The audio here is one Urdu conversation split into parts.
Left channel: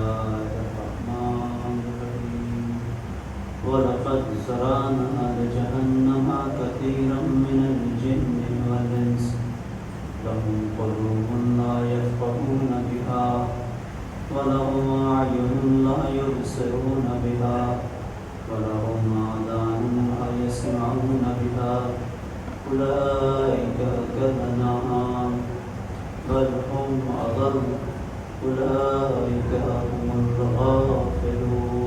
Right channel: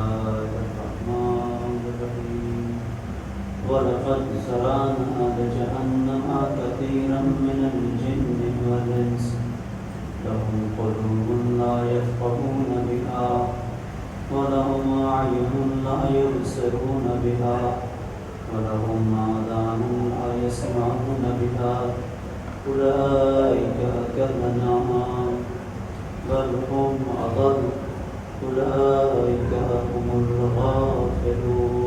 الله الرحمن الرحيم ولقد ذرأنا لجهنم كثيرا من الجن والإنس لهم قلوب لا يفقهون بها ولهم أعين لا يبصرون بها ولهم آذان لا يسمعون بها أولئك كالأنعام بل هم أضل أولئك هم الغافلون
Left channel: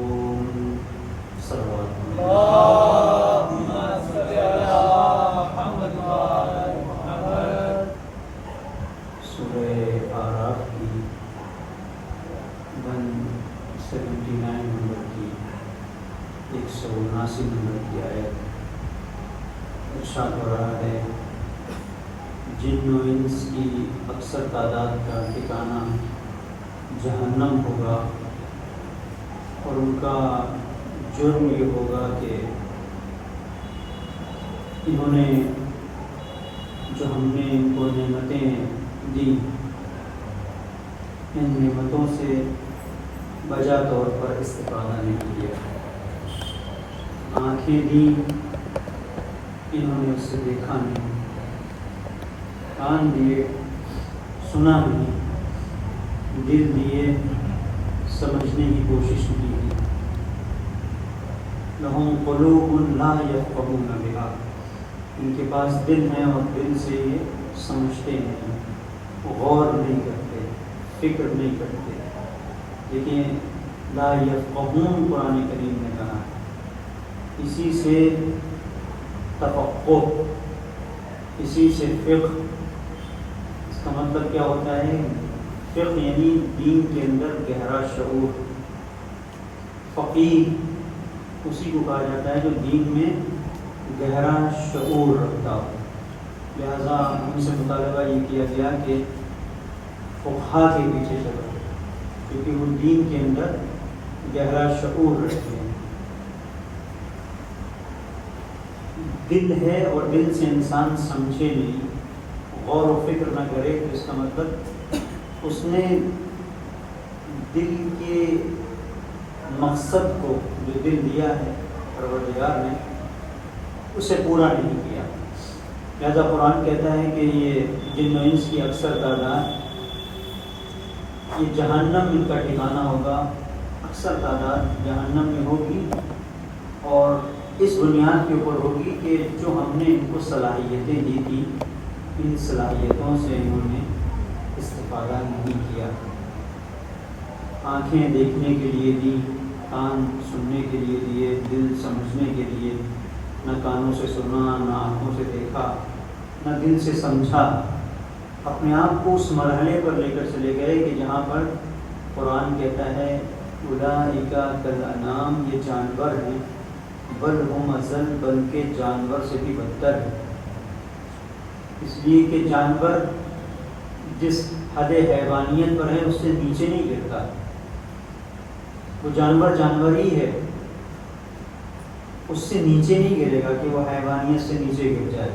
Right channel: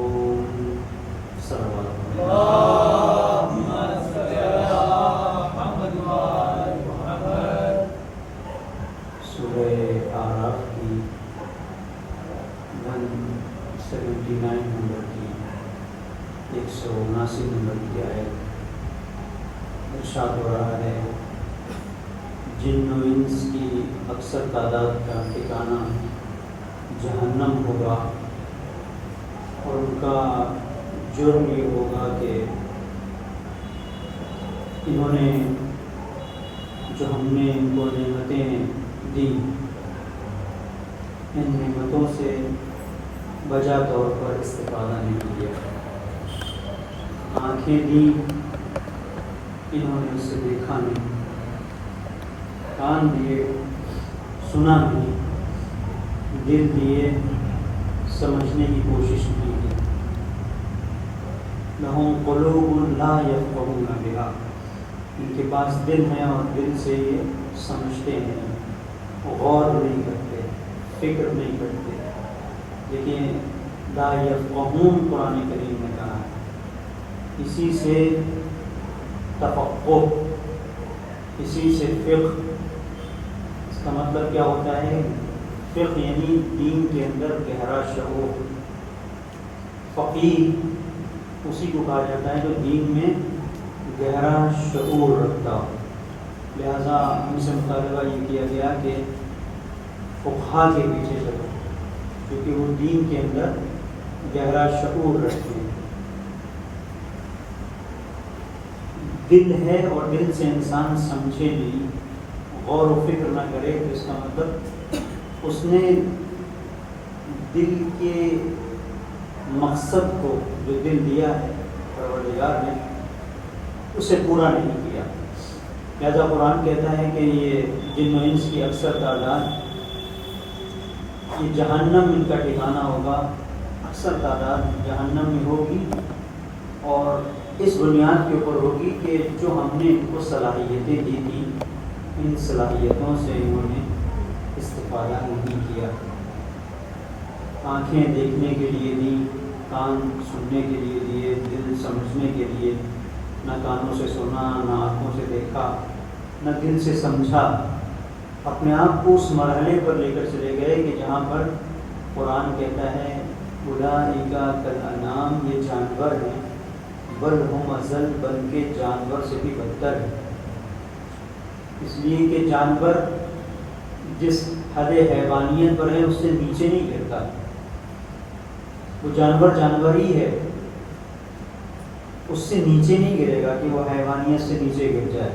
صلى اللهم صل على محمد وعلى محمد. سورہ آراف کی 179 نمبر کی 179 نمبر کی آیت ارشاد ہو رہا ہے جن و انس کی اکثر تعداد کا ٹھکانہ جہنم ہوگا اور ان کا جرم یہ ہوگا کہ انہوں نے جو ہم نے ان کو نعمتیں دی ان نعمتوں سے بجا طور پر استفادہ نہیں کیا. آنکھیں دی انہوں نے اسے دیکھا نہیں, کان دیے سنا نہیں, دل دیے سمجھنے کی کوشش نہیں کی. لہم قلوب لا یفقہون بہا, ان کے پاس دل ہے اور دل سے یہ سمجھتے ہیں, غور نہیں کرتے, فکر نہیں کرتے. دیکھیں لا یفقہون قرآن کریم نے کہا ہے, اسی سے تفقہ, اسی سے فقہ. اس کا مطلب کیا ہوتا ہے؟ فقہ یعنی دین کے اندر گہرا شعور. فقیہ اسی کو کہا جاتا ہے جو دین میں گہرا شعور رکھتا ہو. لہذا ان سے مطالبہ یہ کیا گیا کہ فقہا کے پیچھے چلو, کیونکہ وہ دین کے اندر گہرا شعور رکھتے ہیں. دل ہے اور دل سے انسان سمجھے نہیں, غور و فکر نہ کرے, تو اس کا مطلب اس نے دل کے مقصد کو جو دل دیا ہے پروردگار نے اسے پورا نہیں کیا. لہذا قرآن کہتا ہے کہ یہ جن و انس کی اکثر تعداد یہ جہنم ان کا ٹھکانہ ہوگا, اکثر تعداد جہنم میں ہوگی, اور اس بنیاد کے اوپر ہوگی کہ جو ہم نے ان کو صلاحیتیں دی تھی ان صلاحیتوں سے انہوں نے استفادہ نہیں کیا. آنکھیں دیکھنے کے لیے دی, کان سننے کے لیے دیے, دل سمجھنے کے لیے. نہ کانوں سے سنا, نہ آنکھوں سے دیکھا, نہ دل سے سمجھا. اپنے آپ کو اس مرحلے پر لے کر چلے گئے کہ جہاں پر قرآن کہتا ہے اولئک کالانعام, یہ جانور ہیں, بل ہم اضل, بلکہ جانور سے بھی بدتر ہے. اس لیے کہ جانور جس حد حیوانیت پر ہے اس سے نیچے نہیں گرتا. وہ جانور جانور ہی ہے, اس سے نیچے نہیں گرے گا کہ وہ حیوانیت سے نیچے گر جائے.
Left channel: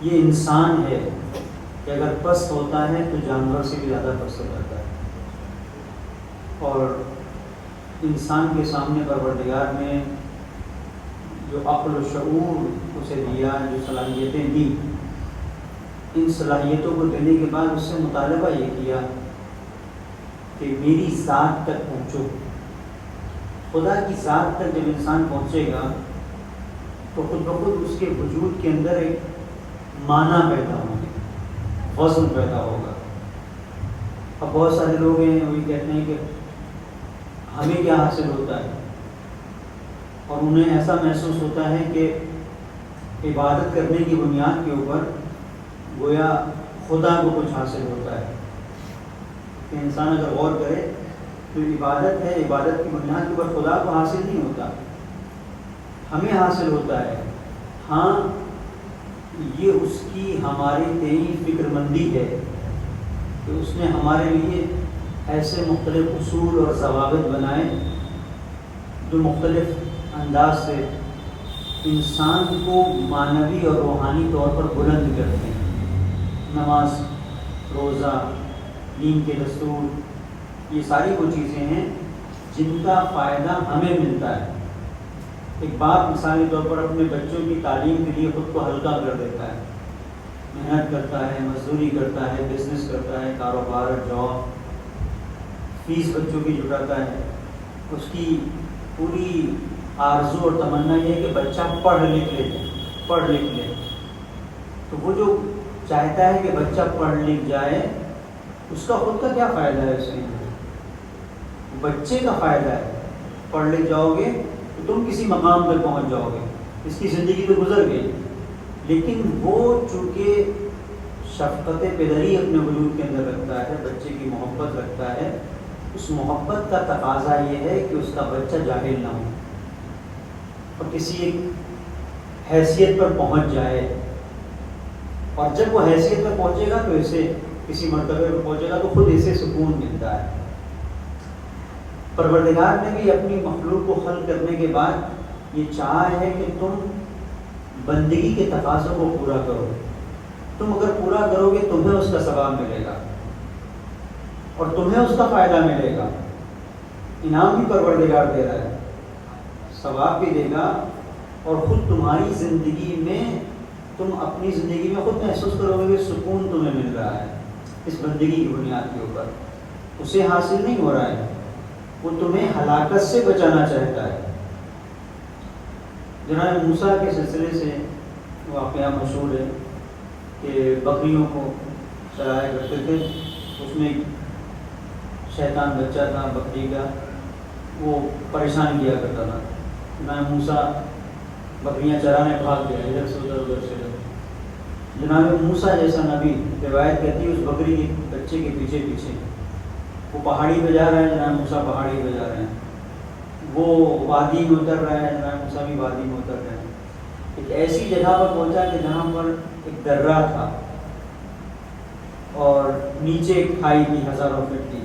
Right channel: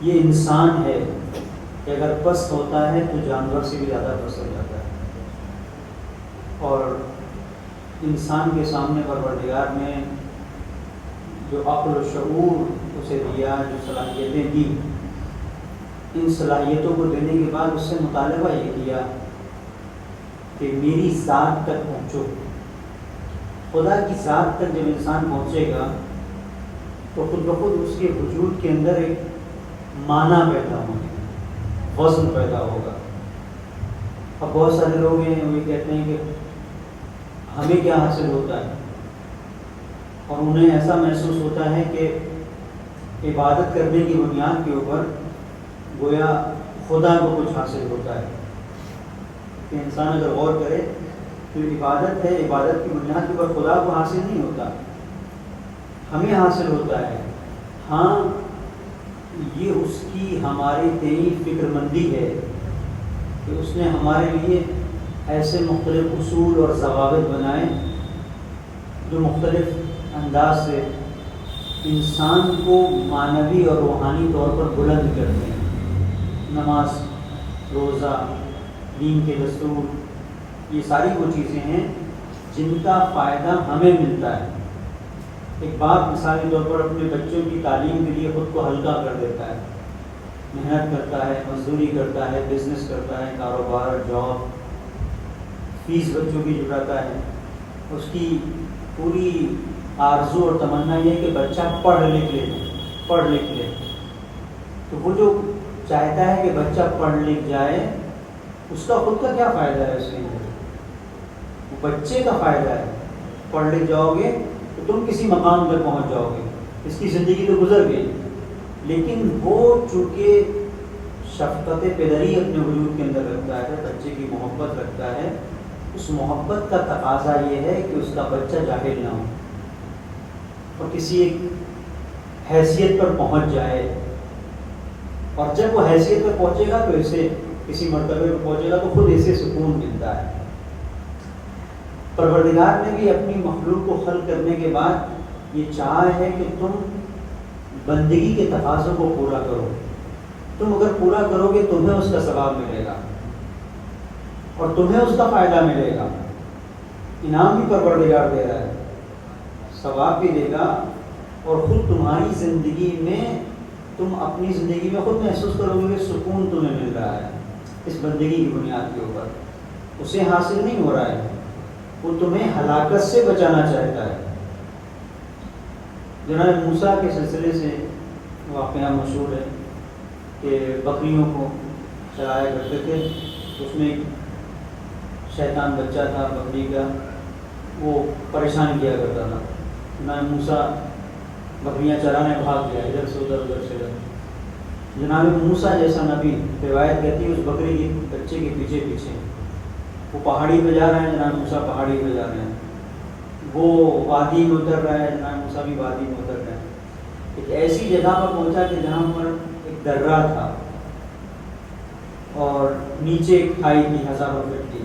یہ انسان ہے کہ اگر پست ہوتا ہے تو جانور سے بھی زیادہ پست ہو جاتا ہے. اور انسان کے سامنے پروردگار نے جو عقل و شعور اسے دیا, جو صلاحیتیں دی, ان صلاحیتوں کو دینے کے بعد اس سے مطالبہ یہ کیا کہ میری ذات تک پہنچو. خدا کی ذات تک جب انسان پہنچے گا تو خود بخود اس کے وجود کے اندر ایک معنی پیدا ہوگا, وزن پیدا ہوگا. اب بہت سارے لوگ ہیں وہ کہتے ہیں کہ ہمیں کیا حاصل ہوتا ہے, اور انہیں ایسا محسوس ہوتا ہے کہ عبادت کرنے کی بنیاد کے اوپر گویا خدا کو کچھ حاصل ہوتا ہے. کہ انسان اگر غور کرے تو عبادت ہے, عبادت کی بنیاد کے اوپر خدا کو حاصل نہیں ہوتا, ہمیں حاصل ہوتا ہے. ہاں یہ اس کی ہماری تیری فکر مندی ہے کہ اس نے ہمارے لیے ایسے مختلف اصول اور ضوابط بنائے جو مختلف انداز سے انسان کو معنوی اور روحانی طور پر بلند کرتے ہیں. نماز, روزہ, دین کے دستور, یہ ساری وہ چیزیں ہیں جن کا فائدہ ہمیں ملتا ہے۔ ایک باپ مثالی طور پر اپنے بچوں کی تعلیم کے لیے خود کو ہلکا کر دیتا ہے، محنت کرتا ہے، مزدوری کرتا ہے، بزنس کرتا ہے، کاروبار، جاب، فیس بچوں کی جٹاتا ہے۔ اس کی پوری آرزو اور تمنا یہ ہے کہ بچہ پڑھ لکھ لے۔ تو وہ جو چاہتا ہے کہ بچہ پڑھ لکھ جائے، اس کا خود کا کیا فائدہ ہے؟ اس میں بچے کا فائدہ ہے۔ پڑھ لکھ جاؤ گے تو تم کسی مقام تک پہنچ جاؤ گے، اس کی زندگی تو گزر گئی، لیکن وہ چونکہ شفقت پدری اپنے وجود کے اندر رکھتا ہے، بچے کی محبت رکھتا ہے، اس محبت کا تقاضا یہ ہے کہ اس کا بچہ جاہل نہ ہو اور کسی ایک حیثیت پر پہنچ جائے، اور جب وہ حیثیت پر پہنچے گا تو اسے کسی مرتبے پر پہنچے گا تو خود اسے سکون ملتا ہے۔ پروردگار نے بھی اپنی مخلوق کو خلق کرنے کے بعد یہ چاہا ہے کہ تم بندگی کے تقاضوں کو پورا کرو۔ تم اگر پورا کرو گے تمہیں اس کا ثواب ملے گا اور تمہیں اس کا فائدہ ملے گا۔ انعام بھی پروردگار دے رہا ہے، ثواب بھی دے گا، اور خود تمہاری زندگی میں تم اپنی زندگی میں خود محسوس کرو گے کہ سکون تمہیں مل رہا ہے اس بندگی کی بنیاد کے اوپر۔ اسے حاصل نہیں ہو رہا ہے، وہ تمہیں ہلاکت سے بچانا چاہتا ہے۔ جناب موسیٰ کے سلسلے سے واقعہ مشہور ہے کہ بکریوں کو چرایا کرتے تھے، اس میں ایک شیطان بچہ تھا بکری کا، وہ پریشان کیا کرتا تھا۔ جناب موسیٰ بکریاں چرانے بھاگ گیا، ادھر سے ادھر سے ادھر۔ جناب موسیٰ جیسا نبی، روایت کہتی ہے، اس بکری کے بچے کے پیچھے پیچھے وہ پہاڑی پہ جا رہے ہیں، جناب موسیٰ پہاڑی پہ جا رہے ہیں، وہ وادی میں اتر رہا ہے، جناب موسیٰ بھی وادی میں اتر رہے ہیں۔ ایک ایسی جگہ پر پہنچا کہ جہاں پر ایک درہ تھا اور نیچے ایک کھائی تھی ہزاروں فٹ کی۔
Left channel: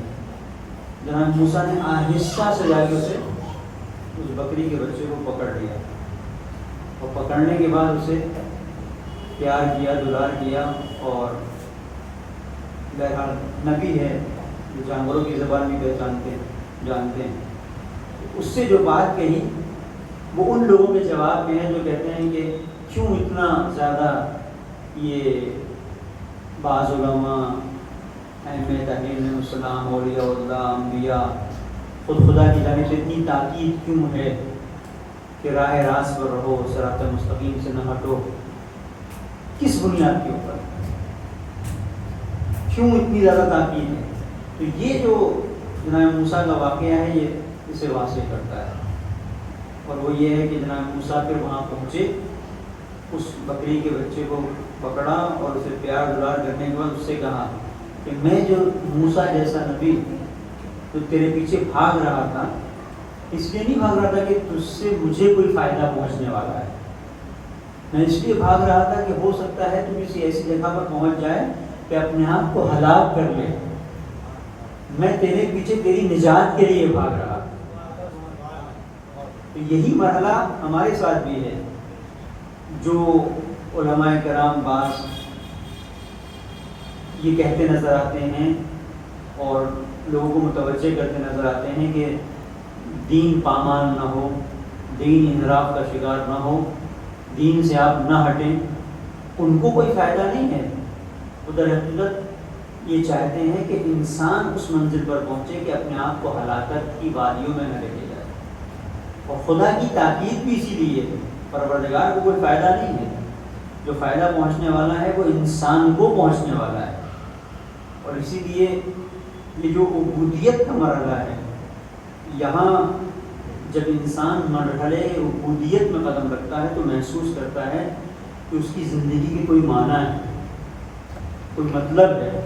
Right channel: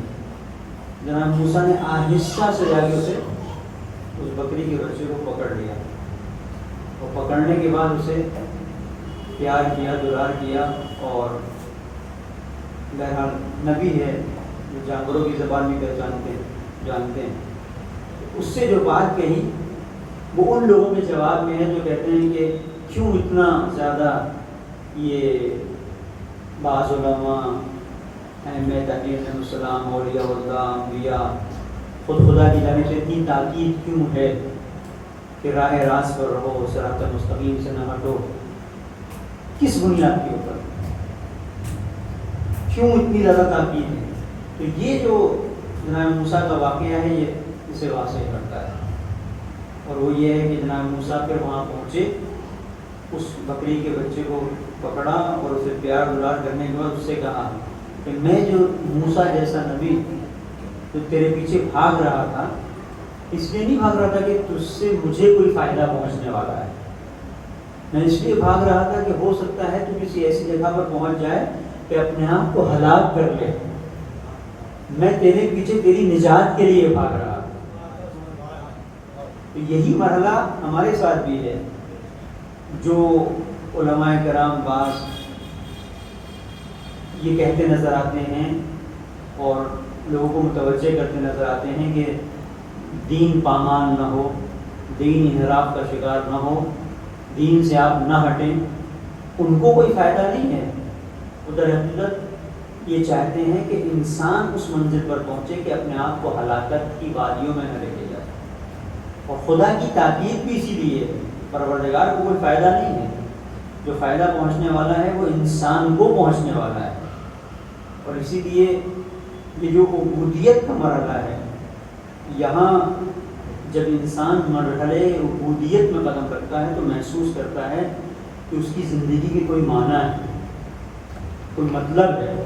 جناب موسیٰ نے آہستہ سے جا کے اسے اس بکری کے بچے کو پکڑ لیا، اور پکڑنے کے بعد اسے پیار کیا، دلار کیا، اور بہرحال نبی ہے، جو جانوروں کی زبان بھی جانتے ہیں، اس سے جو بات کہی وہ ان لوگوں کے جواب میں ہے جو کہتے ہیں کہ کیوں اتنا زیادہ یہ بعض علماء، اہمیت علیہ السلام، اولیاء اللہ، انبیاء، خود خدا کی جانب سے اتنی تاکید کیوں ہے کہ راہ راست پر رہو، صراط مستقیم سے نہ ہٹو؟ کس بنیاد کے اوپر کیوں اتنی زیادہ تاکید ہے؟ تو یہ جو جناب موسیٰ کا واقعہ ہے یہ اسے واضح کرتا ہے، اور وہ یہ ہے کہ جناب موسیٰ پھر وہاں پہنچے، اس بکری کے بچے کو پکڑا اور اسے پیار دلار کرنے کے بعد اس سے کہا کہ میں جو موسیٰ جیسا نبی جو تیرے پیچھے بھاگ رہا تھا، اس لیے نہیں بھاگ رہا تھا کہ تجھ سے مجھے کوئی فائدہ پہنچنے والا ہے، میں اس لیے بھاگ رہا تھا کہ ہو سکتا ہے تو کسی ایسی جگہ پر پہنچ جائے کہ اپنے آپ کو ہلاک کر لے۔ میں تیرے پیچھے تیری نجات کے لیے بھاگ رہا۔ تو یہی مرحلہ ہمارے ساتھ بھی ہے، جو علماء کرام بعض یہ کہتے نظر آتے ہیں اور لوگوں کو متوجہ کرتے نظر آتے ہیں کہ دین پامال نہ ہو، دین انحراف کا شکار نہ ہو، دین سے آپ نہ ہٹیں، ان کو کوئی فائدہ نہیں ہے۔ تو در حقیقت یہ چاہتے ہیں کہ انسان اس منزل پر پہنچے کہ اپنے آپ کو ہلاکت کی وادیوں میں نہ لے کے جائے، اور خدا کی تاکید بھی اسی لیے ہے، پروردگار کو کوئی فائدہ نہیں ہے، جو فائدہ پہنچنے والا ہے وہ انسان کو پہنچنے والا ہے۔ اور اسی لیے یہ جو عبودیت کا مرحلہ ہے، یہاں جب انسان مرحلے عبودیت میں قدم رکھتا ہے تو محسوس کرتا ہے کہ اس کی زندگی کی کوئی معنی ہے، کوئی مطلب ہے۔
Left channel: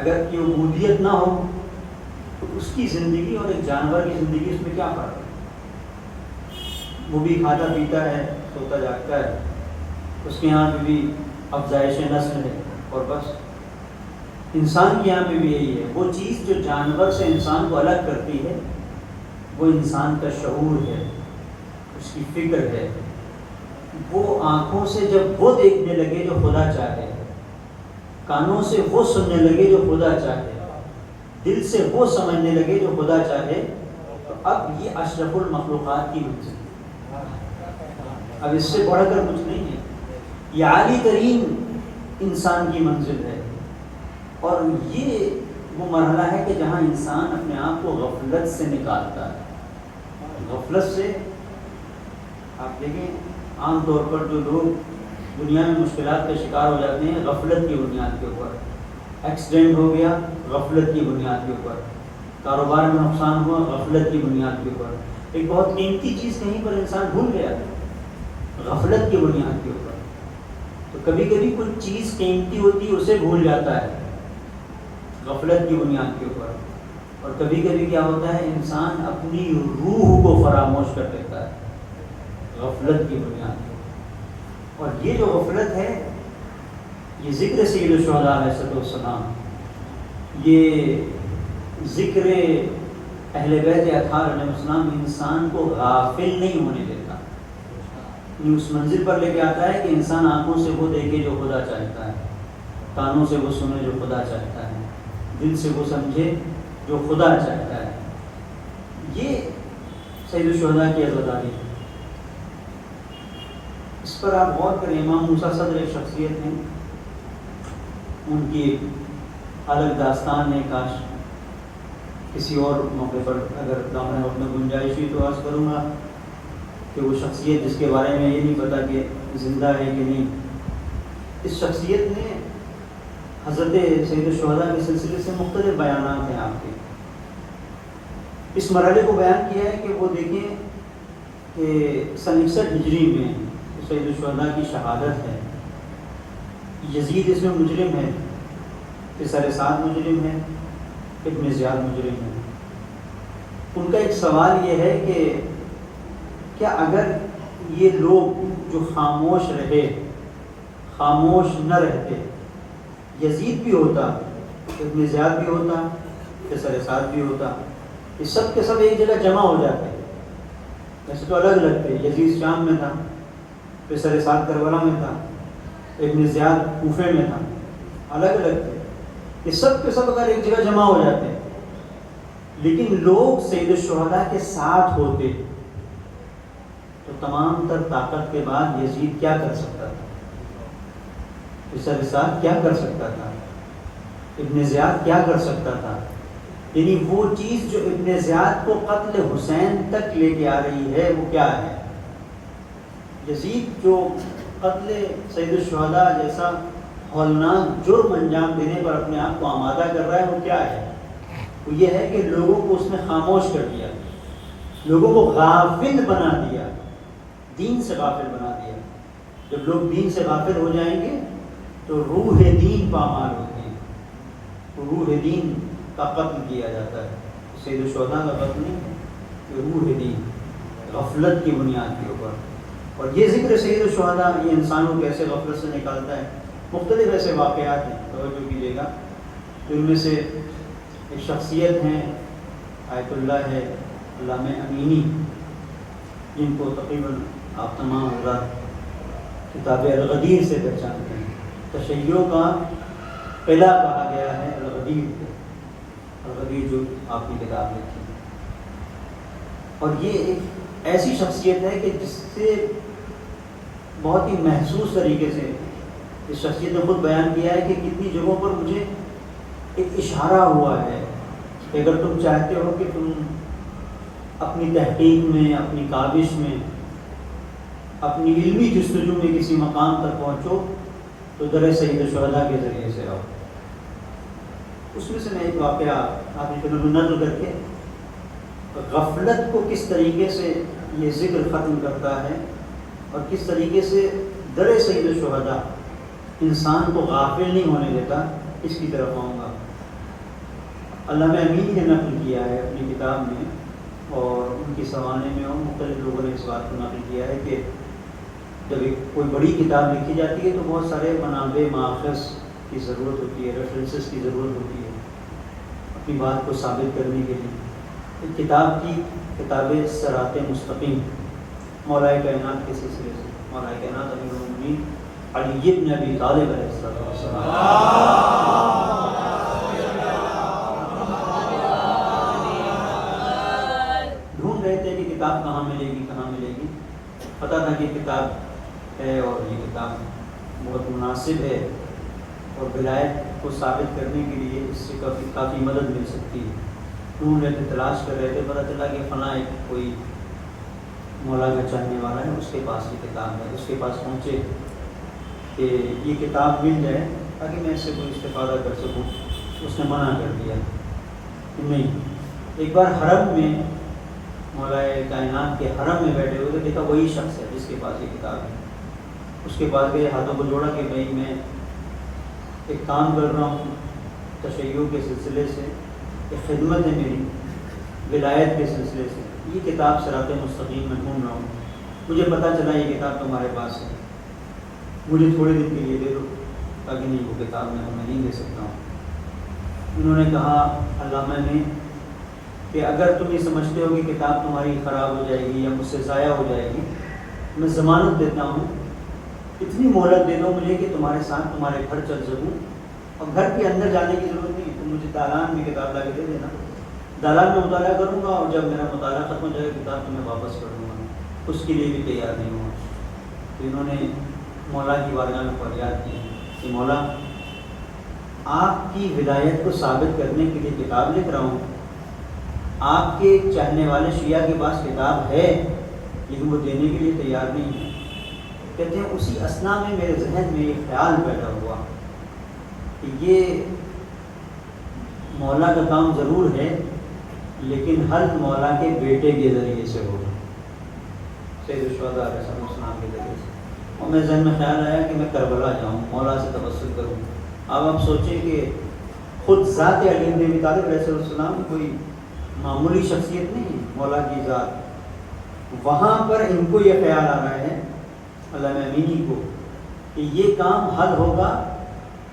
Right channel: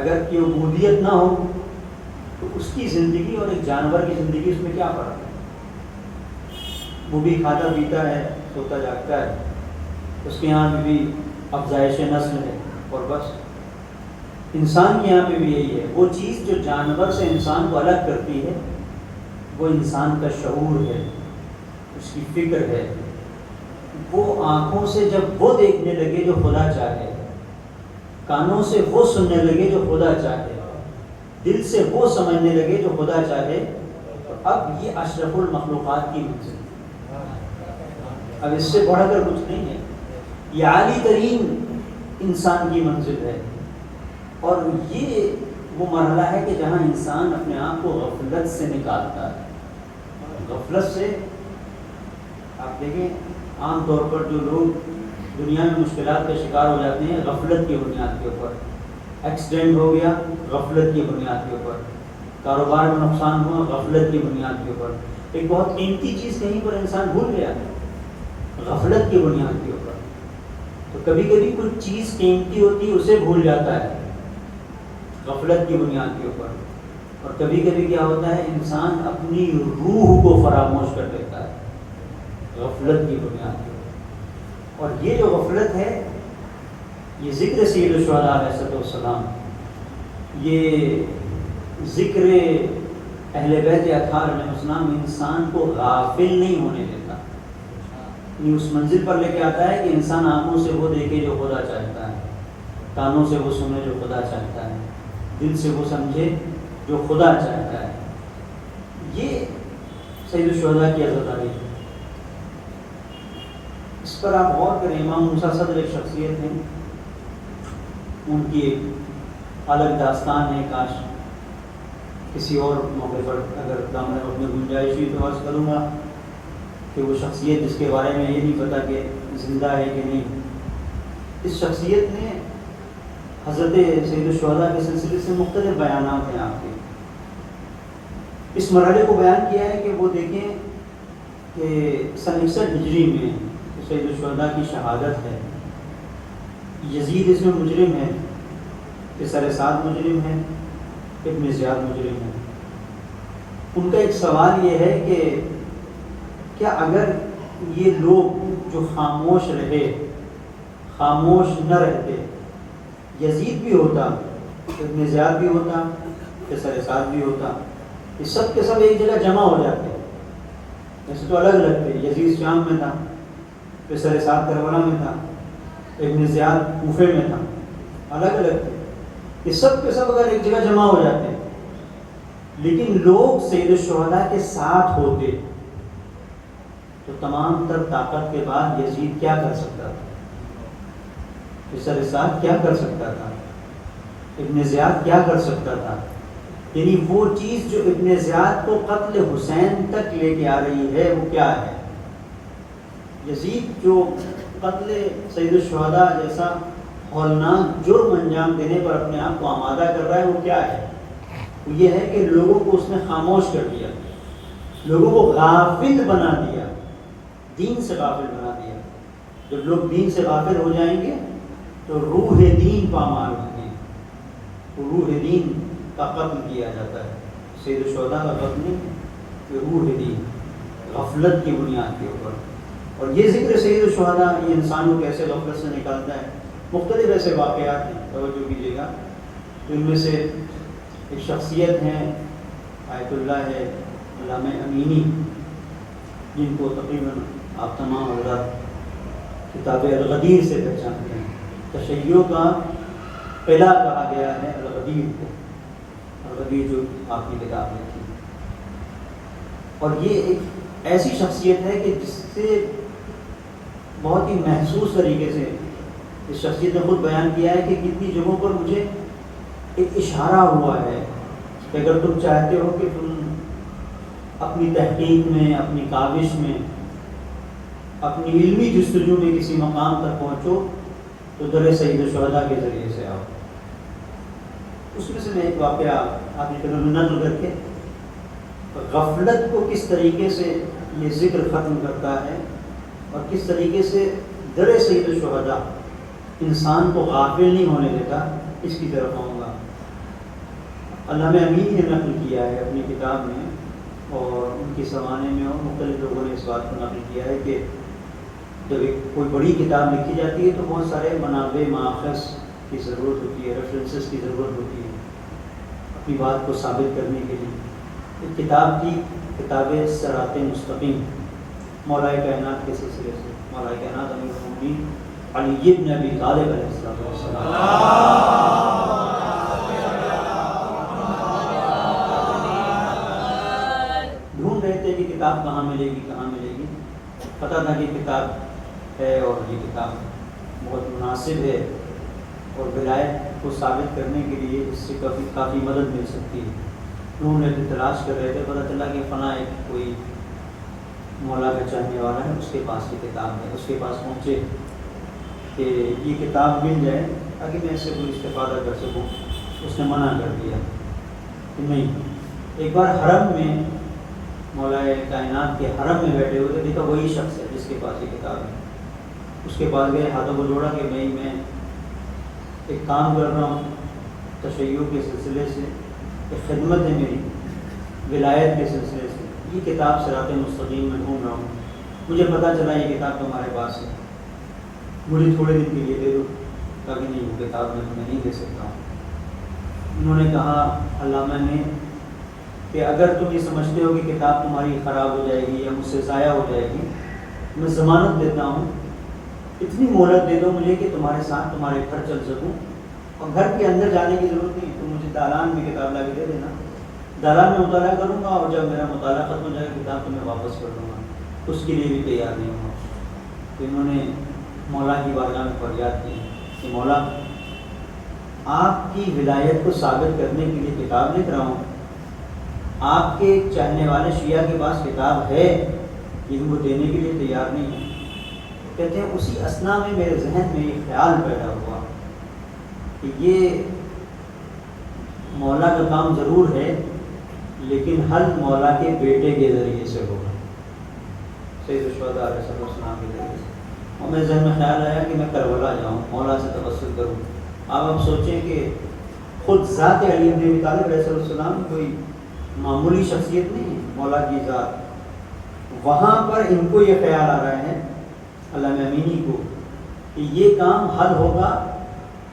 اگر کہ عبودیت نہ ہو تو اس کی زندگی اور ایک جانور کی زندگی، اس میں کیا فرق ہے؟ وہ بھی کھاتا پیتا ہے، سوتا جاگتا ہے، اس کے یہاں بھی افزائش نسل ہے، اور بس۔ انسان کے یہاں پہ بھی یہی ہے، وہ چیز جو جانور سے انسان کو الگ کرتی ہے وہ انسان کا شعور ہے، اس کی فکر ہے۔ وہ آنکھوں سے جب وہ دیکھنے لگے جو خدا چاہے، کانوں سے وہ سننے لگے جو خدا چاہے، دل سے وہ سمجھنے لگے جو خدا چاہے، تو اب یہ اشرف المخلوقات کی منزل ہے، اب اس سے بڑھ کر کچھ نہیں ہے، یہ عالی ترین انسان کی منزل ہے۔ اور یہ وہ مرحلہ ہے کہ جہاں انسان اپنے آپ کو غفلت سے نکالتا ہے۔ غفلت سے آپ دیکھیں عام طور پر جو لوگ دنیا میں مشکلات کا شکار ہو جاتے ہیں غفلت کی بنیاد کے اوپر، ایکسیڈنٹ ہو گیا غفلت کی بنیاد کے اوپر، کاروبار میں نقصان ہوا غفلت کی بنیاد کے اوپر، ایک بہت قیمتی چیز کہیں پر انسان بھول گیا غفلت کی بنیاد کے اوپر۔ تو کبھی کبھی کوئی چیز قیمتی ہوتی ہے اسے بھول جاتا ہے غفلت کی بنیاد کے اوپر، اور کبھی کبھی کیا ہوتا ہے انسان اپنی روح کو فراموش کر دیتا ہے غفلت کی بنیاد کے اوپر۔ اور یہ جو غفلت ہے یہ ذکر سید الشہداء علیہ السلام، یہ ذکر اہل بیت اطہار علیہ السلام انسان کو غافل نہیں ہونے دیتا، یہ اس منزل پر لے کے آتا ہے کہ انسان آنکھوں سے وہ دیکھے جو خدا چاہتا ہے، کانوں سے وہ سنے جو خدا چاہتا ہے، دل سے وہ سمجھے جو خدا چاہتا ہے۔ یہ سید الشہداء کی عزاداری ہے، اس پر آپ غور کریں۔ امام موسیٰ صدر ایک شخصیت ہے، ان کی ایک الگ داستان ہے، کاش کسی اور موقع پر اگر دامن وقت میں گنجائش ہوئی تو عرض کروں گا کہ وہ شخصیت جس کے بارے میں یہ نہیں پتا کہ زندہ ہے کہ نہیں، اس شخصیت نے حضرت سید الشہداء کے سلسلے سے مختلف بیانات ہیں آپ کے، اس مرحلے کو بیان کیا ہے کہ وہ دیکھیں کہ سن 61 ہجری میں سید الشہداء کی شہادت ہے، یزید اس میں مجرم ہے، قیصر سعد مجرم ہے، ابن زیاد مجرم ہے۔ ان کا ایک سوال یہ ہے کہ کیا اگر یہ لوگ جو خاموش رہے، خاموش نہ رہتے، یزید بھی ہوتا، ابن زیاد بھی ہوتا، قیصر سعد بھی ہوتا، یہ سب کے سب ایک جگہ جمع ہو جاتے، جیسے تو الگ الگ تھے، یزید شام میں تھا، قیصر سعد کربلا میں تھا، ابن زیاد کوفے میں تھا، الگ الگ تھے، یہ سب کے سب اگر ایک جگہ جمع ہو جاتے لیکن لوگ سید الشہداء کے ساتھ ہوتے تو تمام تر طاقت کے بعد یزید کیا کر سکتا تھا، قیصر سعد کیا کر سکتا تھا، ابن زیاد کیا کر سکتا تھا، یعنی وہ چیز جو ابن زیاد کو قتل حسین تک لے کے آ رہی ہے وہ کیا ہے؟ یزید جو قتل سید الشہداء جیسا ہولناک جرم انجام دینے پر اپنے آپ کو آمادہ کر رہا ہے وہ کیا ہے؟ وہ یہ ہے کہ لوگوں کو اس نے خاموش کر دیا، لوگوں کو غافل بنا دیا، دین سے غافل بنا دیا۔ جب لوگ دین سے غافل ہو جائیں گے تو روح دین پامال ہوتی ہے، تو روح دین کا قتل کیا جاتا ہے، سید الشہداء کا قتل نہیں ہے، کہ روح دین غفلت کی بنیاد کے اوپر۔ اور یہ ذکر سید الشہداء یہ انسانوں کو ایسے غفلت سے نکالتا ہے۔ مختلف ایسے واقعات ہیں، توجہ کیجیے گا، جن میں سے ایک شخصیت ہیں آیت اللہ ہے علامہ امینی، جن کو تقریباً آپ تمام حضرات کتاب الغدیر سے پہچانتے ہیں، تشیع کا قلعہ کہا گیا ہے الغدیر کو، الغدیر جو آپ کی کتاب میں تھی۔ اور یہ ایک ایسی شخصیت ہے کہ جس سے بہت ہی محسوس طریقے سے اس شخصیت نے خود بیان کیا ہے کہ کتنی جگہوں پر مجھے ایک اشارہ ہوا ہے کہ اگر تم چاہتے ہو کہ تم اپنی تحقیق میں، اپنی کاوش میں، اپنی علمی جستجو میں کسی مقام تک پہنچو تو در سید الشہداء کے ذریعے سے آؤ۔ اس میں سے میں ایک واقعہ آپ نے نقل کر کے غفلت کو کس طریقے سے یہ ذکر ختم کرتا ہے اور کس طریقے سے در سید الشہداء انسان کو غافل نہیں ہونے دیتا، اس کی طرف آؤں گا۔ علامہ امینی نے نقل کیا ہے اپنی کتاب میں، اور ان کی زمانے میں مختلف لوگوں نے اس بات کو نقل کیا ہے کہ جب ایک کوئی بڑی کتاب لکھی جاتی ہے تو بہت سارے منابع ماخذ کی ضرورت ہوتی ہے، ریفرنسز کی ضرورت ہوتی ہے اپنی بات کو ثابت کرنے کے لیے۔ ایک کتاب کی کتاب صراط مستقیم مولا کائنات کے سلسلے سے، مولا کائنات امیر المومنین علی بن ابی طالب علیہ السلام تھے کہ کتاب کہاں ملے گی کہاں ملے گی، پتہ تھا کہ کتاب ہے اور یہ کتاب بہت مناسب ہے اور ولایت کو ثابت کرنے کے لیے اس سے کافی مدد مل سکتی ہے۔ ڈھونڈ رہے تھے، تلاش کر رہے تھے، پتہ چلا کہ فلاں ایک کوئی مولا کا چاہنے والا ہے، اس کے پاس یہ کتاب ہے۔ اس کے پاس پہنچے کہ یہ کتاب مل جائے تاکہ میں اس سے کوئی استفادہ کر سکوں۔ اس نے منع کر دیا کہ نہیں۔ ایک بار حرم میں، مولا کائنات کے حرم میں بیٹھے ہوئے تھے، دیکھا وہی شخص ہے جس کے پاس یہ کتاب ہے۔ اس کے پاس گئے، ہاتھوں کو جوڑا کہ میں ایک کام کر رہا ہوں تشیع کے سلسلے سے، ایک خدمت ہے میری ولایت کے سلسلے سے، یہ کتاب صراط مستقیم میں ڈھونڈ رہا ہوں، مجھے پتہ چلا یہ کتاب تمہارے پاس ہے، مجھے تھوڑے دن کے لیے دے دو۔ تاکہ نہیں، وہ کتاب میں تمہیں نہیں دے سکتا ہوں۔ انہوں نے کہا علامہ نے کہ اگر تم یہ سمجھتے ہو کہ کتاب تمہاری خراب ہو جائے گی یا مجھ سے ضائع ہو جائے گی، میں ضمانت دیتا ہوں، اتنی مہلت دے دو مجھے کہ تمہارے ساتھ تمہارے گھر چل سکوں، اور گھر کے اندر جانے کی ضرورت نہیں، تم مجھے دالان میں کتاب لا کے دے دینا، دالان میں مطالعہ کروں گا، اور جب میرا مطالعہ ختم ہو جائے گا کتاب تمہیں واپس کر دوں گا۔ اس کے لیے بھی تیار نہیں ہوں۔ تو انہوں نے مولا کی بارگاہ میں فریاد کی کہ مولا، آپ کی ولایت کو ثابت کرنے کے لیے کتاب لکھ رہا ہوں، آپ کے چاہنے والے شیعہ کے پاس کتاب ہے لیکن وہ دینے کے لیے تیار نہیں ہے۔ کہتے ہیں اسی اثنا میں میرے ذہن میں ایک خیال پیدا ہوا کہ یہ مولا کا کام ضرور ہے لیکن حل مولا کے بیٹے کے ذریعے سے ہوگا، سید الشہداء علیہ السلام کے ذریعے سے۔ اور میرے ذہن میں خیال آیا کہ میں کربلا جاؤں، مولا سے توسل کروں۔ آپ سوچیں کہ خود ذات علی بن ابی طالب علیہ السلام کوئی معمولی شخصیت نہیں ہے، مولا کی ذات، وہاں پر ان کو یہ خیال آ رہا ہے علامہ امینی کو کہ یہ کام حل ہوگا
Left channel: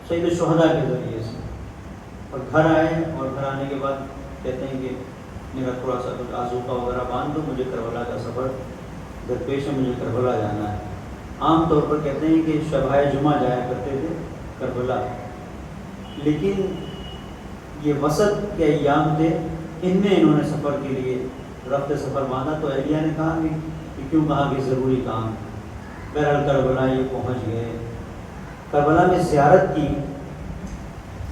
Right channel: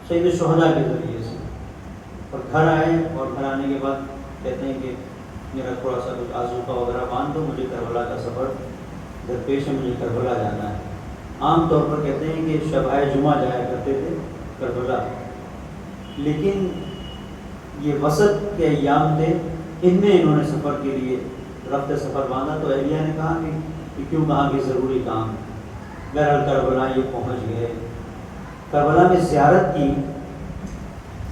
سید الشہداء کے ذریعے سے۔ اور گھر آئے، اور گھر آنے کے بعد کہتے ہیں کہ میرا تھوڑا سا کچھ آذوقہ وغیرہ باندھ دو، مجھے کربلا کا سفر درپیش ہے، مجھے کربلا جانا ہے۔ عام طور پر کہتے ہیں کہ شبائے جمعہ جایا کرتے تھے کربلا، لیکن یہ وسط کے ایام تھے، ان میں انہوں نے سفر کے لیے رفت سفر باندھا۔ تو اہلیہ نے کہا کہ کیوں، کہا کہ ضروری کام، بہرحال کربلا یہ پہنچ گئے، کربلا میں زیارت کی۔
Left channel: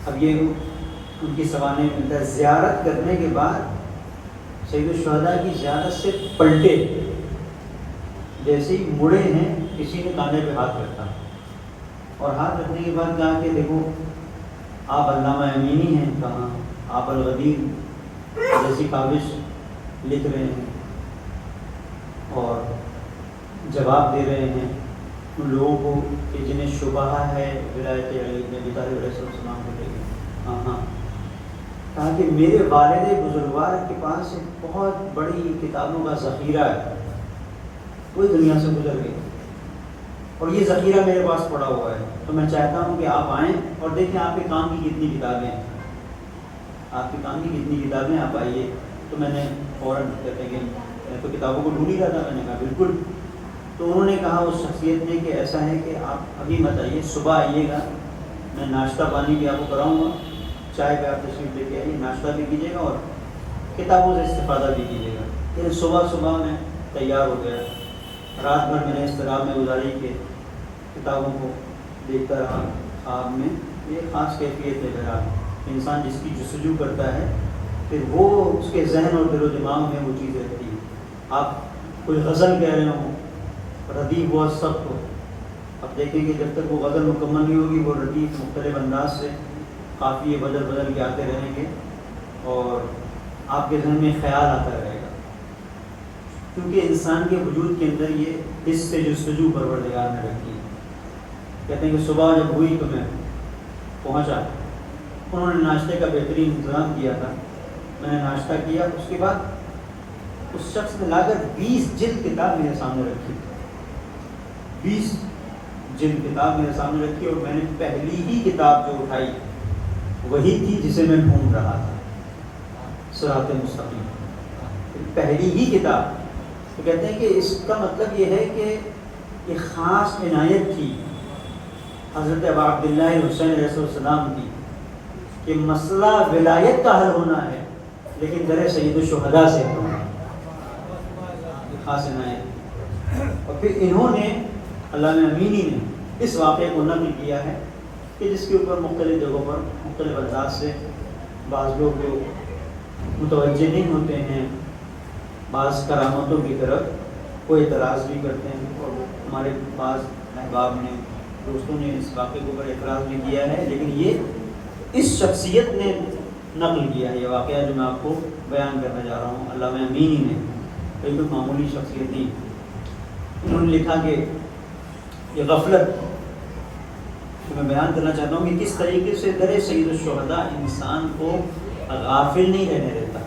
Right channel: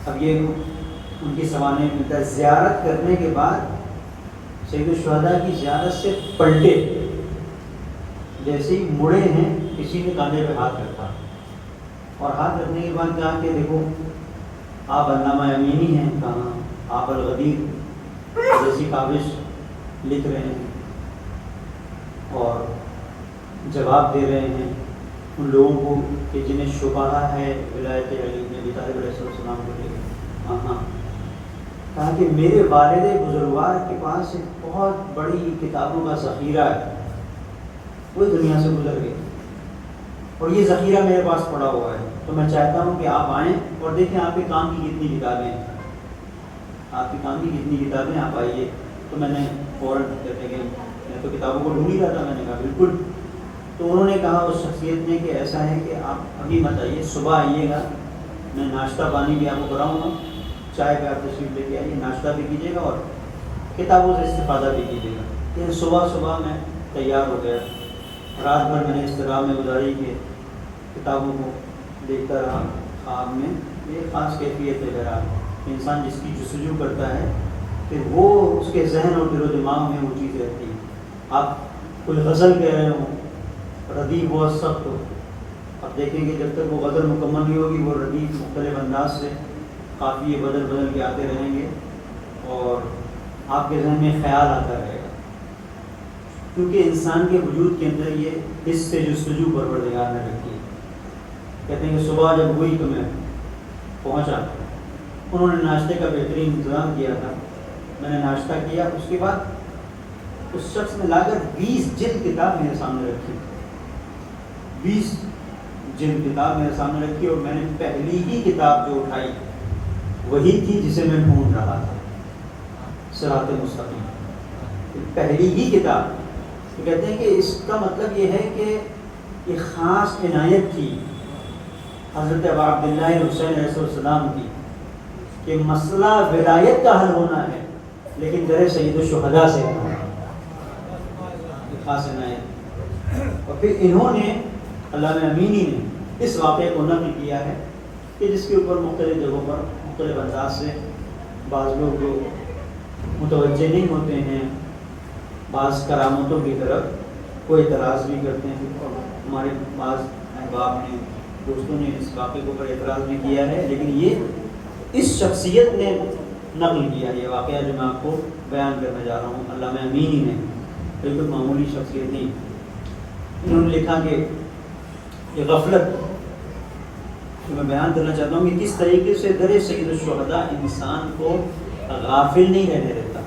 اب یہ ان کی سوانح ملتا ہے، زیارت کرنے کے بعد سید الشہداء کی زیارت سے پلٹے، جیسے ہی مڑے ہیں کسی نے کاندھے پہ ہاتھ رکھا، اور ہاتھ رکھنے کے بعد کہا کہ دیکھو آپ علامہ امینی ہیں، کہاں آپ الغدیر جیسی کاوش لکھ رہے ہیں اور جواب دے رہے ہیں ان لوگوں کو کہ جنہیں شبہ ہے ولایت علی بن ابی طالب علیہ السلام کو لے کے۔ ہاں، کہا کہ میرے والد بزرگوار کے پاس ایک بہت بڑی کتابوں کا ذخیرہ ہے، وہ دنیا سے گزر گئی اور یہ ذخیرہ میرے پاس پڑا ہوا ہے، تو میں چاہتا ہوں کہ آپ آئیں اور دیکھیں آپ کے کام کی کتنی کتابیں ہیں، آپ کے کام کی کتنی کتابیں، آپ آئیے۔ تو میں نے فوراً کہتے کہ میں تو کتابوں کو ڈھونڈ ہی رہا تھا، میں نے کہا بالکل۔ تو انہوں نے کہا اس شخصیت نے کہ ایسا ہے کہ آپ ابھی مت آئیے، صبح آئیے گا، میں ناشتہ پانی بھی آپ کو کراؤں گا، چائے پہ آپ تشریف لے کے آئیے، ناشتہ بھی کیجیے گا اور کتابوں سے استفادہ بھی کیجیے گا۔ لیکن صبح میں تیار ہو گیا، رات بھر میں نے اس طرح میں گزاری کہ کتابوں کو دیکھتا رہا خواب میں۔ یہ خاص کیفیت ہے بہرحال، انسان جس کی جستجو کرتا ہے کہ وہ اس کے ذہن اور دل و دماغ میں وہ چیز رہتی ہے۔ آپ کوئی غزل کہہ رہے ہوں، ردیف بہت سخت ہو، اب دیکھیں گے جب تک وہ غزل مکمل نہیں ہوگی وہ ردیف مختلف انداز سے قافیے بدل کے آتے رہیں گے اور آپ کے ذہن میں خیال آتا رہے گا، کیونکہ انسان کے وجود کے اندر یہ حس سے جستجو پروردگار نے رکھی ہے۔ کہتے ہیں کہ صبح جب ہوئی تو میں پہنچا، انہوں نے ناشتے کا بہترین انتظام کیا تھا، میں نے ناشتہ کیا، اس کے بعد اس شخص نے لا کر 20 جلد کتاب میرے سامنے رکھی، 20 جلد کتاب میرے سامنے رکھی، اور میں نے پہلی ہی کتاب جو اٹھائی وہی تھی جسے میں ڈھونڈ رہا تھا، صراط مستقیم، پہلی ہی کتاب۔ تو کہتے ہیں کہ اس کا مطلب یہ ہے کہ یہ خاص عنایت تھی حضرت ابا عبداللہ حسین علیہ السلام کی کہ مسئلہ ولایت کا حل ہونا ہے لیکن در سید الشہداء سے ہونا ہے۔ حاصل آئے. اور پھر انہوں نے علامہ امینی نے اس واقعے کو نقل کیا ہے کہ جس کے اوپر مختلف جگہوں پر مختلف انداز سے بعض لوگ متوجہ نہیں ہوتے ہیں، بعض کرامتوں کی طرف کوئی اعتراض بھی کرتے ہیں. ہمارے بعض احباب نے دوستوں نے اس واقعے کے اوپر اعتراض بھی کیا ہے، لیکن یہ اس شخصیت نے نقل کیا ہے. یہ واقعہ جو میں آپ کو بیان کرنے جا رہا ہوں، علامہ امینی نے، بالکل معمولی شخصیت تھی. انہوں نے لکھا کہ یہ غفلت میں بیان کرنا چاہتا ہوں کہ کس طریقے سے در سید الشہداء انسان کو غافل نہیں رہنے دیتا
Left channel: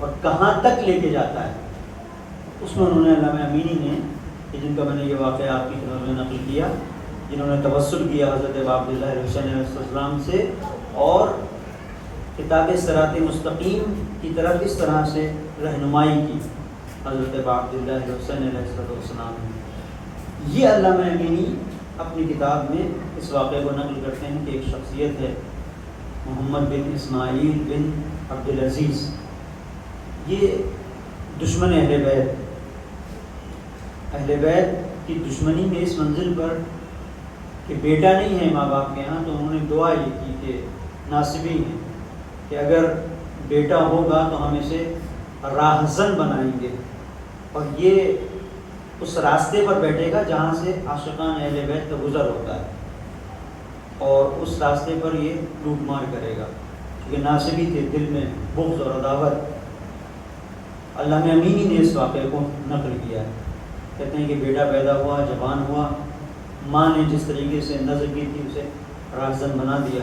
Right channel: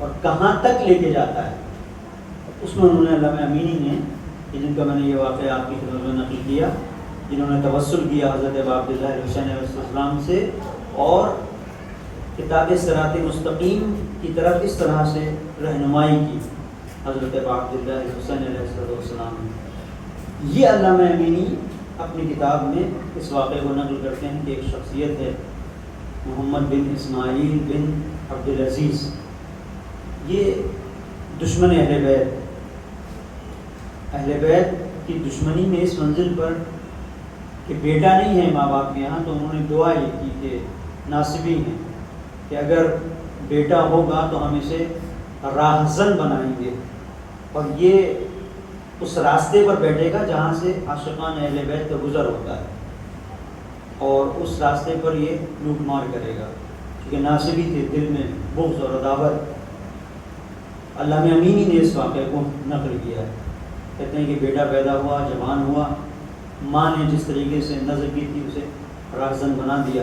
اور کہاں تک لے کے جاتا ہے. اس میں انہوں نے علامہ امینی نے، جن کا میں نے یہ واقعہ آپ کی خدمت میں نقل کیا، جنہوں نے توسل کیا حضرت عبداللہ حسین علیہ السلام سے اور کتاب صراط مستقیم کی طرف اس طرح سے رہنمائی کی حضرت عبداللہ حسین علیہ السلام نے. یہ علامہ امینی اپنی کتاب میں اس واقعے کو نقل کرتے ہیں کہ ایک شخصیت ہے محمد بن اسماعیل بن عبدالعزیز. یہ دشمن اہل بیت کی دشمنی میں اس منزل پر کہ بیٹا نہیں ہے ماں باپ کے یہاں، تو انہوں نے دعا یہ کی کہ ناصبی ہے کہ اگر بیٹا ہوگا تو ہم اسے راہزن بنائیں گے اور یہ اس راستے پر بیٹھے گا جہاں سے عاشقان اہل بیت کا گزر ہوتا ہے، اور اس راستے پر یہ لوٹ مار کرے گا. کیونکہ ناصبی تھے، دل میں بغض اور عداوت. علامہ امینی نے اس واقعے کو نقل کیا ہے. کہتے ہیں کہ بیٹا پیدا ہوا، جوان ہوا، ماں نے جس طریقے سے نظر کی تھی اسے راہزن بنا دیا.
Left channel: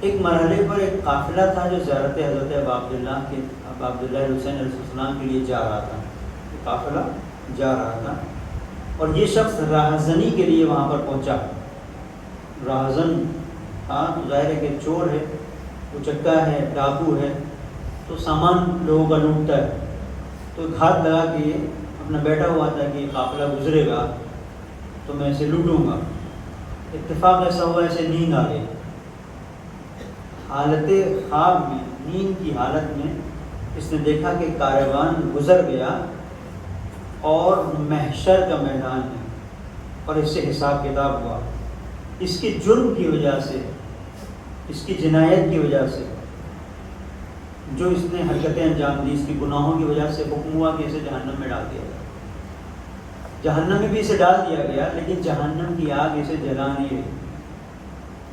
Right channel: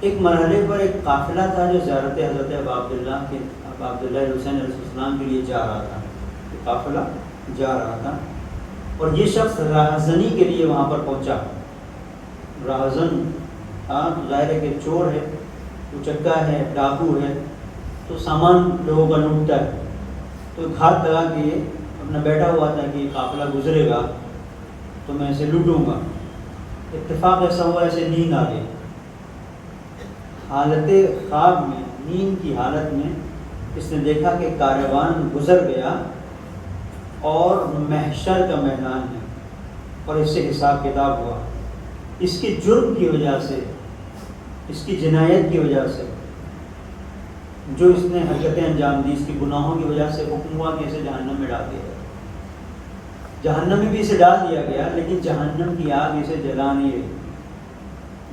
ایک مرحلے پر ایک قافلہ تھا جو زیارت حضرت عبداللہ حسین علیہ السلام کے لیے جا رہا تھا. قافلہ جا رہا تھا اور یہ شخص راہزنی کے لیے وہاں پر پہنچا. راہزن ظاہر ہے کہ چور ہے، اچکا ہے، ڈاکو ہے، تو سامان لوگوں کا لوٹتا ہے. تو گھات لگا کے یہ اپنا بیٹھا ہوا تھا کہ یہ قافلہ گزرے گا تو میں اسے لوٹوں گا. اتفاق ایسا ہوا اسے نیند آ گئی. حالت خواب میں، نیند کی حالت میں اس نے دیکھا کہ کاروان گزر گیا اور محشر کا میدان ہے اور اس سے حساب کتاب ہوا. اس کے جرم کی وجہ سے، اس کی جنایت کی وجہ سے، جو اس نے حرکتیں انجام دی، اس کی گناہوں کی وجہ سے حکم ہوا کہ اسے جہنم میں ڈال دیا. جہنم میں بھی اسے ڈال دیا گیا، لیکن جہنم کی آگ اسے جلا نہیں رہی.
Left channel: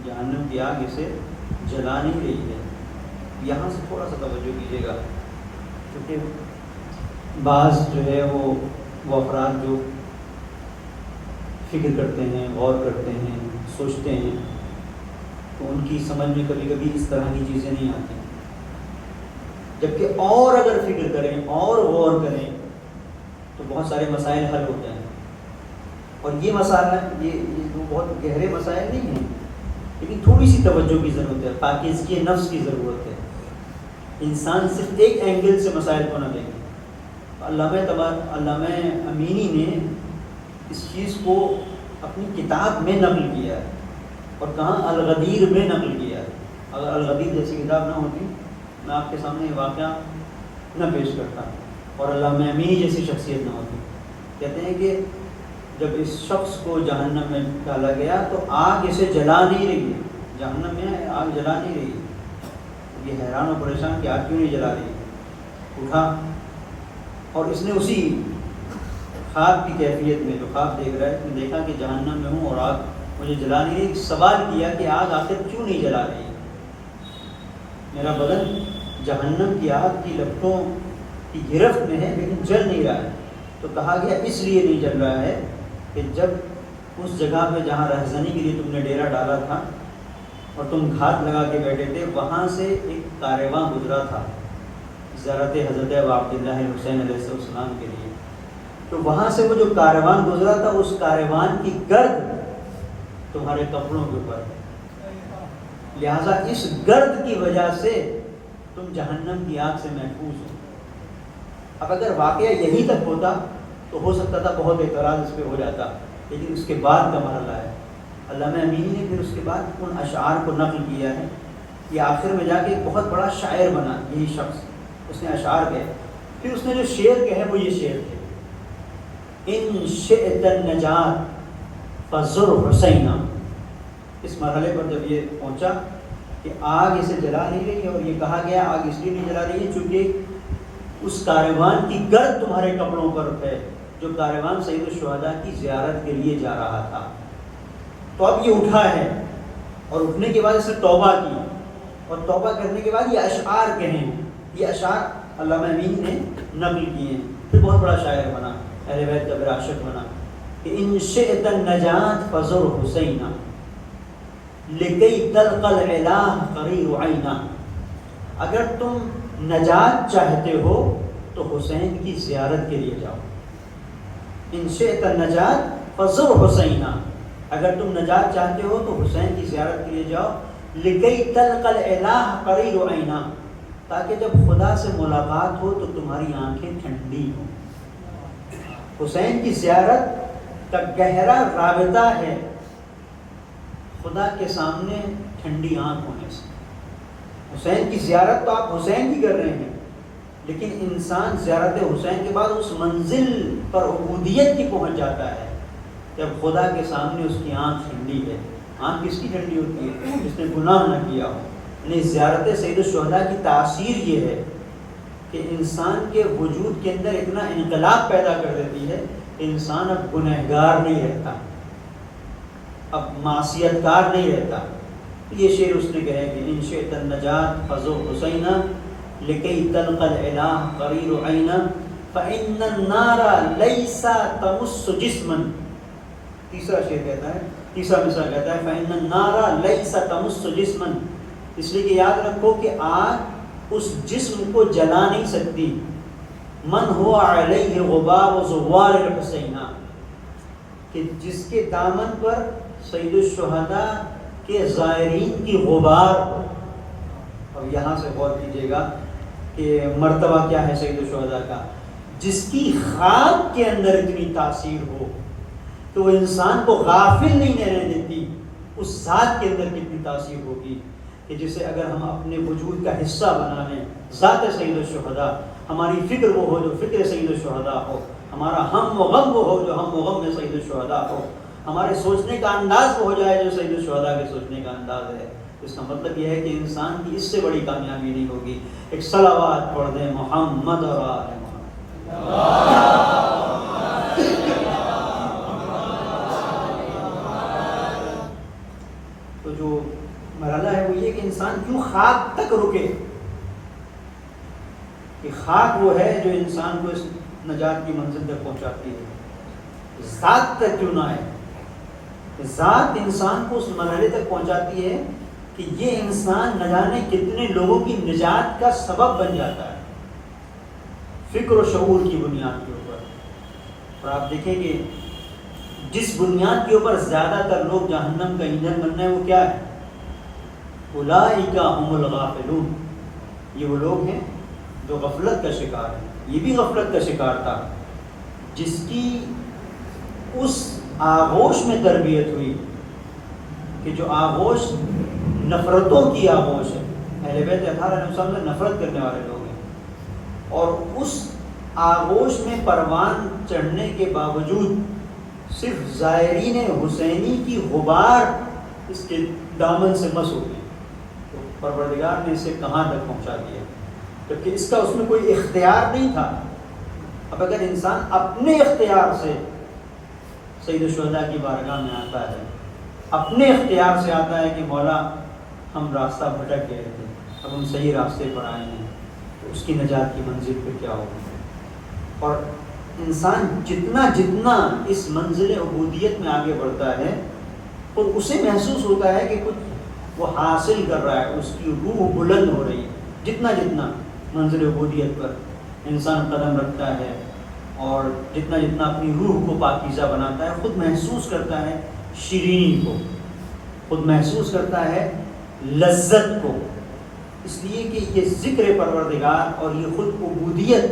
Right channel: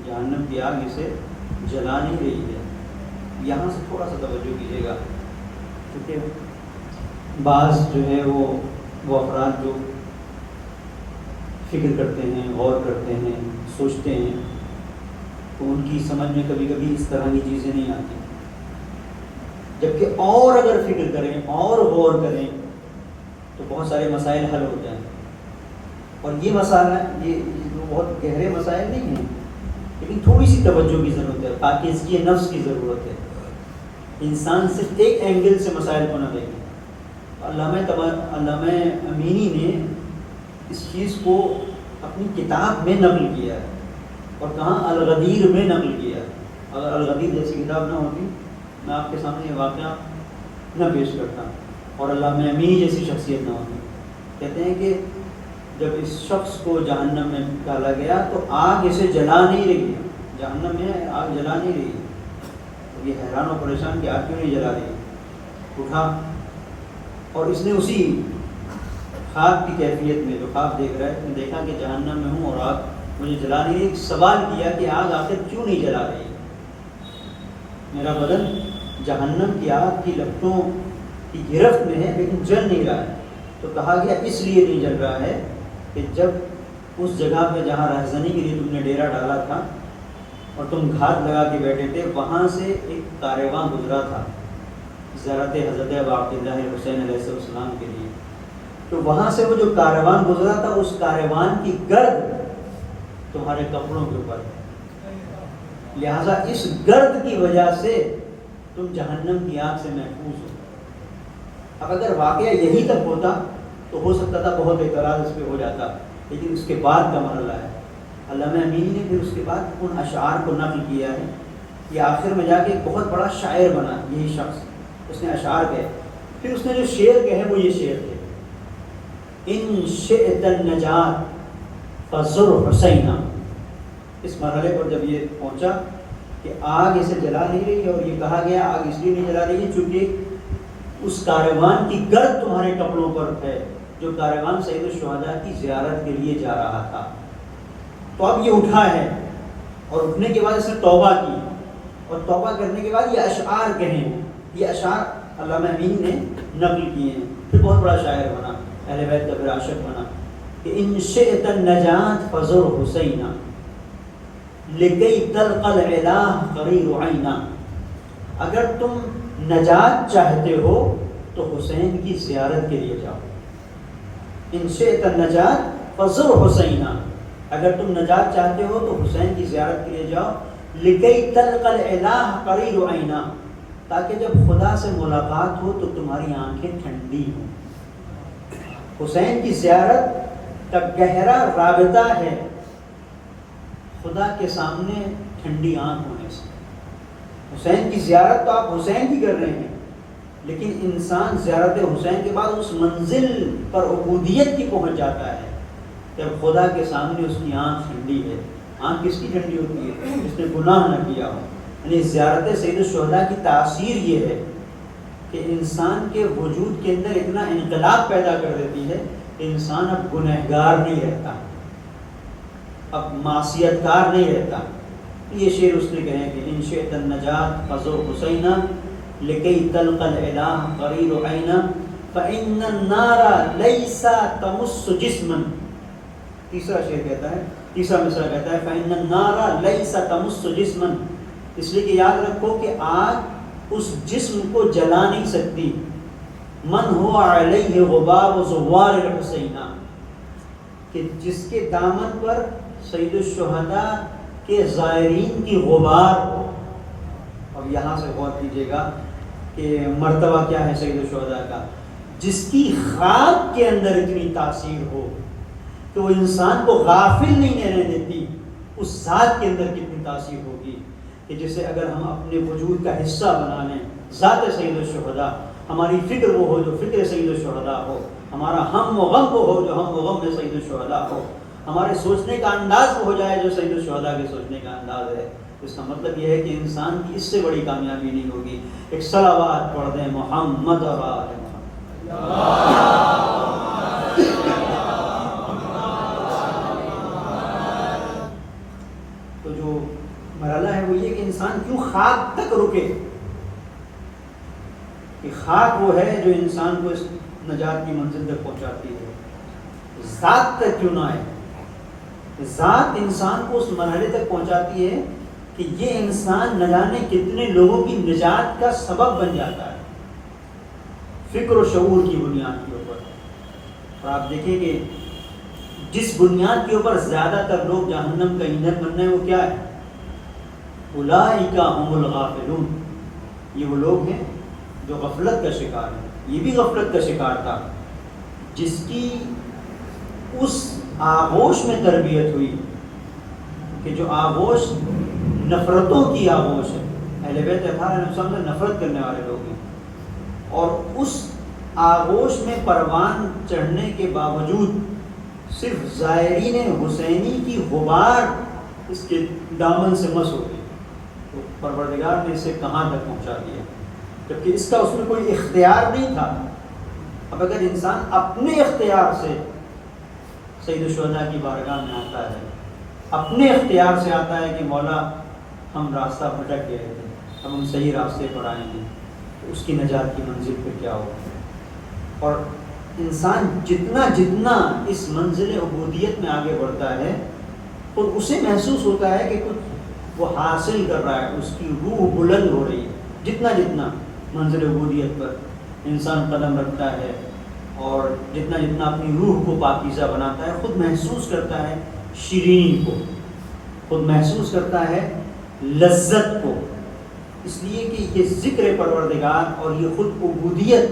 جہنم کی آگ اسے جلا نہیں رہی ہے. یہاں سے تھوڑا سا توجہ کیجیے گا، کیونکہ بعض جو ہے وہ افراد جو فکر کرتے ہیں، غور کرتے ہیں، سوچتے ہیں، تو ان کی سمجھ میں کبھی کبھی اس طرح کی چیزیں نہیں آتی. جبکہ اور اگر فکر کریں اور غور کریں تو بہت سارے مسائل حل ہو جائیں. اور یہ مسئلہ یہ بہت گہرے مسائل نہیں ہیں، لیکن تھوڑی سی توجہ کی ضرورت ہے، پاکیزگی نفس کی ضرورت ہے. انسان صرف ایک اینگل سے مسائل کو نہ دیکھے. علامہ امینی نے اس چیز کو اپنی کتاب میں نقل کیا ہے اور کہاں الغدیر میں نقل کیا ہے. اگر الغدیر جیسی کتاب نہ ہوتی میں آپ کے سامنے یہ واقعہ نہ پیش کرتا اور علامہ امینی جیسی شخصیت نہ ہوتی. کہتے ہیں کہ جب اس شخص کو جہنم میں ڈالا گیا تو آگ اسے جلا نہیں رہی ہے. جہنم میں آگ جلا نہیں رہی. یہ حیران و پریشان کہ آگ کیوں نہیں جلا رہی. اٹھا اور اس نے اسی خواب کی کیفیت میں جو خواب دیکھ رہا ہے، دیکھا کہ جہنم میں ہوں اور آگ مجھے جلا نہیں رہی. سوال کیا کہ آگ آخر کیوں نہیں جلا رہی. میرا بدن جہنم کی آگ کی لپٹوں کی گرفت میں ہے لیکن جل نہیں رہا ہے. تو کہا گیا اس لیے نہیں جل رہا ہے کہ جب اس جگہ پہ جہاں رہزنی کے لیے تم نے ڈیرا ڈالا تھا اور تم گھات لگا کے بیٹھے تھے، وہاں سے ایک کارواں گزرا تھا زیارت حضرت عبداللہ حسین علیہ السلام کے لیے. تو وہاں سے وہ جو کارواں گزرا تھا، اس کارواں کی گرد تمہارے کپڑوں کے اوپر، لہذا اس گرد کی وجہ سے تم جہنم کی آگ سے محفوظ ہو. اب اگر واقعہ یہی تک ہوتا تو ہو سکتا تھا بہت اعتراض اس پہ ہو جاتا، لیکن اس کے بعد کا مرحلہ ہے. علامہ امینی نے پھر اس کے بعد ان اشعار کو نقل کیا ہے. یہ آخر میں جا کے بہت بڑا شاعر بنا. یہی شخص اس نے اشعار کہے پھر اس نے جو شعر کہے وہ یہ شعر تھے، ان شئت النجات فزر حسینا۔ اس مرحلے پر جب یہ پہنچا کہ آگ اسے جلا نہیں رہی ہے، اور یہ کہا گیا آگ اس لیے نہیں جلا رہی ہے چونکہ اس کاروان کی گرد تمہارے کپڑوں پر ہے، جو کاروان سید الشہداء کی زیارت کے لیے جا رہا تھا۔ تو اب یہ اٹھا ہے، اور اٹھنے کے بعد اس نے توبہ کی، اور توبہ کرنے کے بعد یہ اشعار کہیں، یہ اشعار علامہ امین نے نقل کیے ہیں، پھر بہت بڑا شاعر بنا، اہل بیت کا پھر عاشق بنا، کہ ان شئت النجات فزر حسینا لکی تلقى العلا قریر عینا۔ اگر تم نجات چاہتے ہو تو حسین کی زیارت کے لیے جاؤ۔ ان شئت النجات فزر حسینا، اگر تم نجات چاہتے ہو تو حسین کی زیارت کے لیے جاؤ، لکی تلقى العلا قریر عینا، تاکہ جب خدا سے ملاقات ہو تو تمہاری آنکھیں ٹھنڈی ہوں۔ حسین کی زیارت کا گہرا رابطہ ہے خدا کے سامنے ٹھنڈی آنکھ ہونے سے۔ حسین کی زیارت تو آپ حسین کی کر رہے ہیں، لیکن انسان زیارت حسین کے بعد اس منزل پر عبودیت کی پہنچ جاتا ہے جب خدا کے سامنے اس کی آنکھ ٹھنڈی ہے۔ آنکھ کس کی ٹھنڈی ہوتی ہے؟ جس نے گناہ نہ کیا ہو۔ یعنی زیارت سید الشہداء کی تاثیر یہ ہے کہ انسان کے وجود کے اندر اتنا انقلاب پیدا کر دیتی ہے کہ انسان اب گنہگار نہیں رہتا، اب معصیت کار نہیں رہتا۔ یہ شعر اس نے کہے کہ ان شئت النجات فزر حسینا لکی تلقى العلا قریر عینا فإن النار لیس تمس جسما۔ تیسرا شعر کہتا ہے، تیسرا مصرع کہتا ہے فإن النار لیس تمس جسما، اس لیے کہ یاد رکھو کہ آگ اس جسم کو جلا نہیں سکتی، من هو علیہ غبار زوار الحسینہ، کہ جس کے دامن پر سید الشہداء کے زائرین کی غبار ہو۔ اور یہاں سے غور کیجیے گا کہ مرتبہ کیا ہے سید الشہداء کا، جس کی خاک کے اندر اتنی تاثیر ہو کہ وہ انسان کو غافل نہیں رہنے دیتی، اس ذات کے اندر کتنی تاثیر ہوگی کہ جسے اگر ہم اپنے وجود کا حصہ بنا لیں، ذات سید الشہداء، ہماری فکر وہ ہو جو فکر سید الشہداء ہو، ہمارا ہم و غم وہ ہو جو ہم و غم میں سید الشہداء ہو، ہمارے سوچنے کا انداز وہ ہو جائے جو سید الشہداء کے سوچنے کا انداز ہے۔ اس کا مطلب یہ ہے کہ انسان کی اس سے بڑی کامیابی نہیں ہوگی۔ ایک صلوات پڑھ دیں محمد و آل محمد۔ تو جو مرحلہ ہے وہ یہ کہ انسان کیوں خاک تک رکے، کہ خاک وہ ہے جو انسان کو اس نجات کی منزل تک پہنچاتی ہے، ذات تک کیوں نہ آئے۔ ذات انسان کو اس مرحلے تک پہنچاتی ہے کہ یہ انسان نہ جانے کتنے لوگوں کی نجات کا سبب بن جاتا ہے، فکر و شعور کی بنیاد کے اوپر۔ اور آپ دیکھیں کہ جس بنیاد کے اوپر زیادہ تر لوگ جہنم کا ایندھن بن رہے ہیں وہ کیا ہے؟ اولئک هم الغافلون، یہ وہ لوگ ہیں جو غفلت کا شکار ہیں۔ یہ بھی غفلت کا شکار تھا جس کی اس آغوش میں تربیت ہوئی کہ جو آغوش نفرتوں کی آغوش ہے، اہل بیت اطہار علیہ السلام سے نفرت کرنے والے لوگ ہیں، اور اس آغوش میں پروان چڑھنے کے باوجود صرف زائرین حسینی کی غبار اس کے دامن سے مس ہوئی، تو پروردگار نے اسے کہاں تک پہنچا دیا، جبکہ اس کا اس میں کوئی اختیار نہیں تھا۔ اب اگر انسان اپنے اختیار سے سید الشہداء کی بارگاہ میں آتا ہے، اپنے اختیار سے آتا ہے کہ مولا ہم راستہ بھٹک گئے تھے، اب ہم صحیح راستے پر آئے ہیں، اس کی نجات کی منزل پہ کیا ہوگا۔ اور انسان جتنا جتنا اس منزل عبودیت میں آگے بڑھتا ہے اور اسے محسوس ہوتا ہے کہ کچھ وہ حاصل کر رہا ہے، اس کی روح بلند ہو رہی ہے۔ جتنا جتنا منزل عبودیت پر انسان قدم رکھتا ہے اور جتنا جتنا اپنی روح کو پاکیزہ بناتا ہے، خود محسوس کرتا ہے شیرینی کو، خود محسوس کرتا ہے لذت کو، اس لیے کہ یہ ذکر پروردگار اور یہ خود عبودیت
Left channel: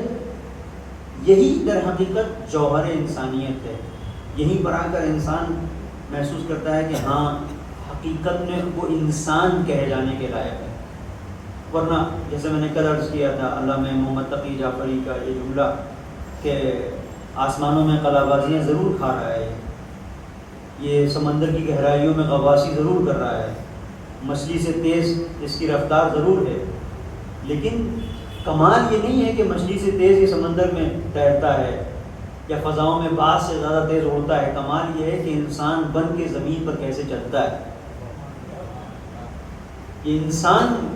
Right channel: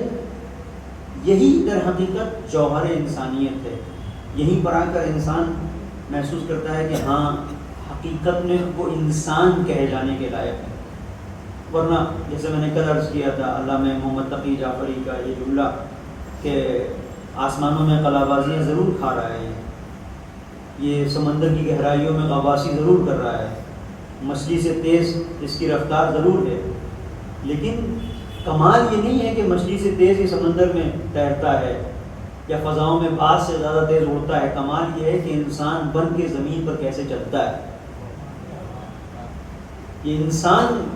یہی در حقیقت جوہر انسانیت ہے۔ یہیں پر آ کر انسان محسوس کرتا ہے کہ ہاں حقیقت میں وہ انسان کہے جانے کے لائق ہے۔ ورنہ جیسے میں نے کل عرض کیا تھا علامہ محمد تقی جعفری کا یہ جملہ کہ آسمانوں میں قلعہ بازیاں ضرور کھا رہا ہے، یہ سمندر کی گہرائیوں میں غواصی ضرور کر رہا ہے، مچھلی سے تیز اس کی رفتار ضرور ہے، لیکن کمال یہ نہیں ہے کہ مچھلی سے تیز یہ سمندر میں تیرتا ہے یا فضاؤں میں بعض سے زیادہ تیز اڑتا ہے، کمال یہ ہے کہ انسان بن کے زمین پر کیسے چلتا ہے، یہ انسان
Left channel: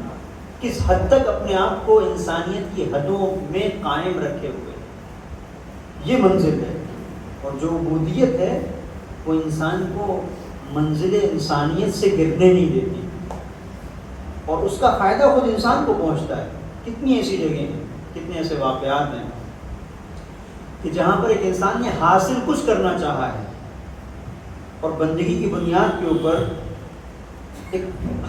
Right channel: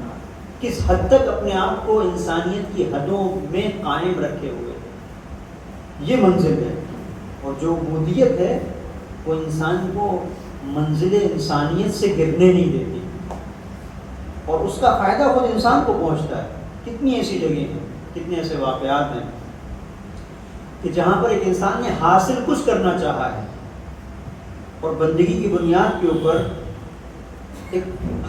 کس حد تک اپنے آپ کو انسانیت کی حدوں میں قائم رکھے ہوئے، یہ منزل ہے۔ اور جو عبودیت ہے وہ انسان کو منزل انسانیت سے گرنے نہیں دیتی، اور اس کا فائدہ خود انسان کو پہنچتا ہے۔ کتنی ایسی جگہیں ہیں، کتنے ایسے واقعات ہیں کہ جہاں پر ایک انسان نے حاصل کچھ کرنا چاہا ہے اور بندگی کی بنیاد کے اوپر ایک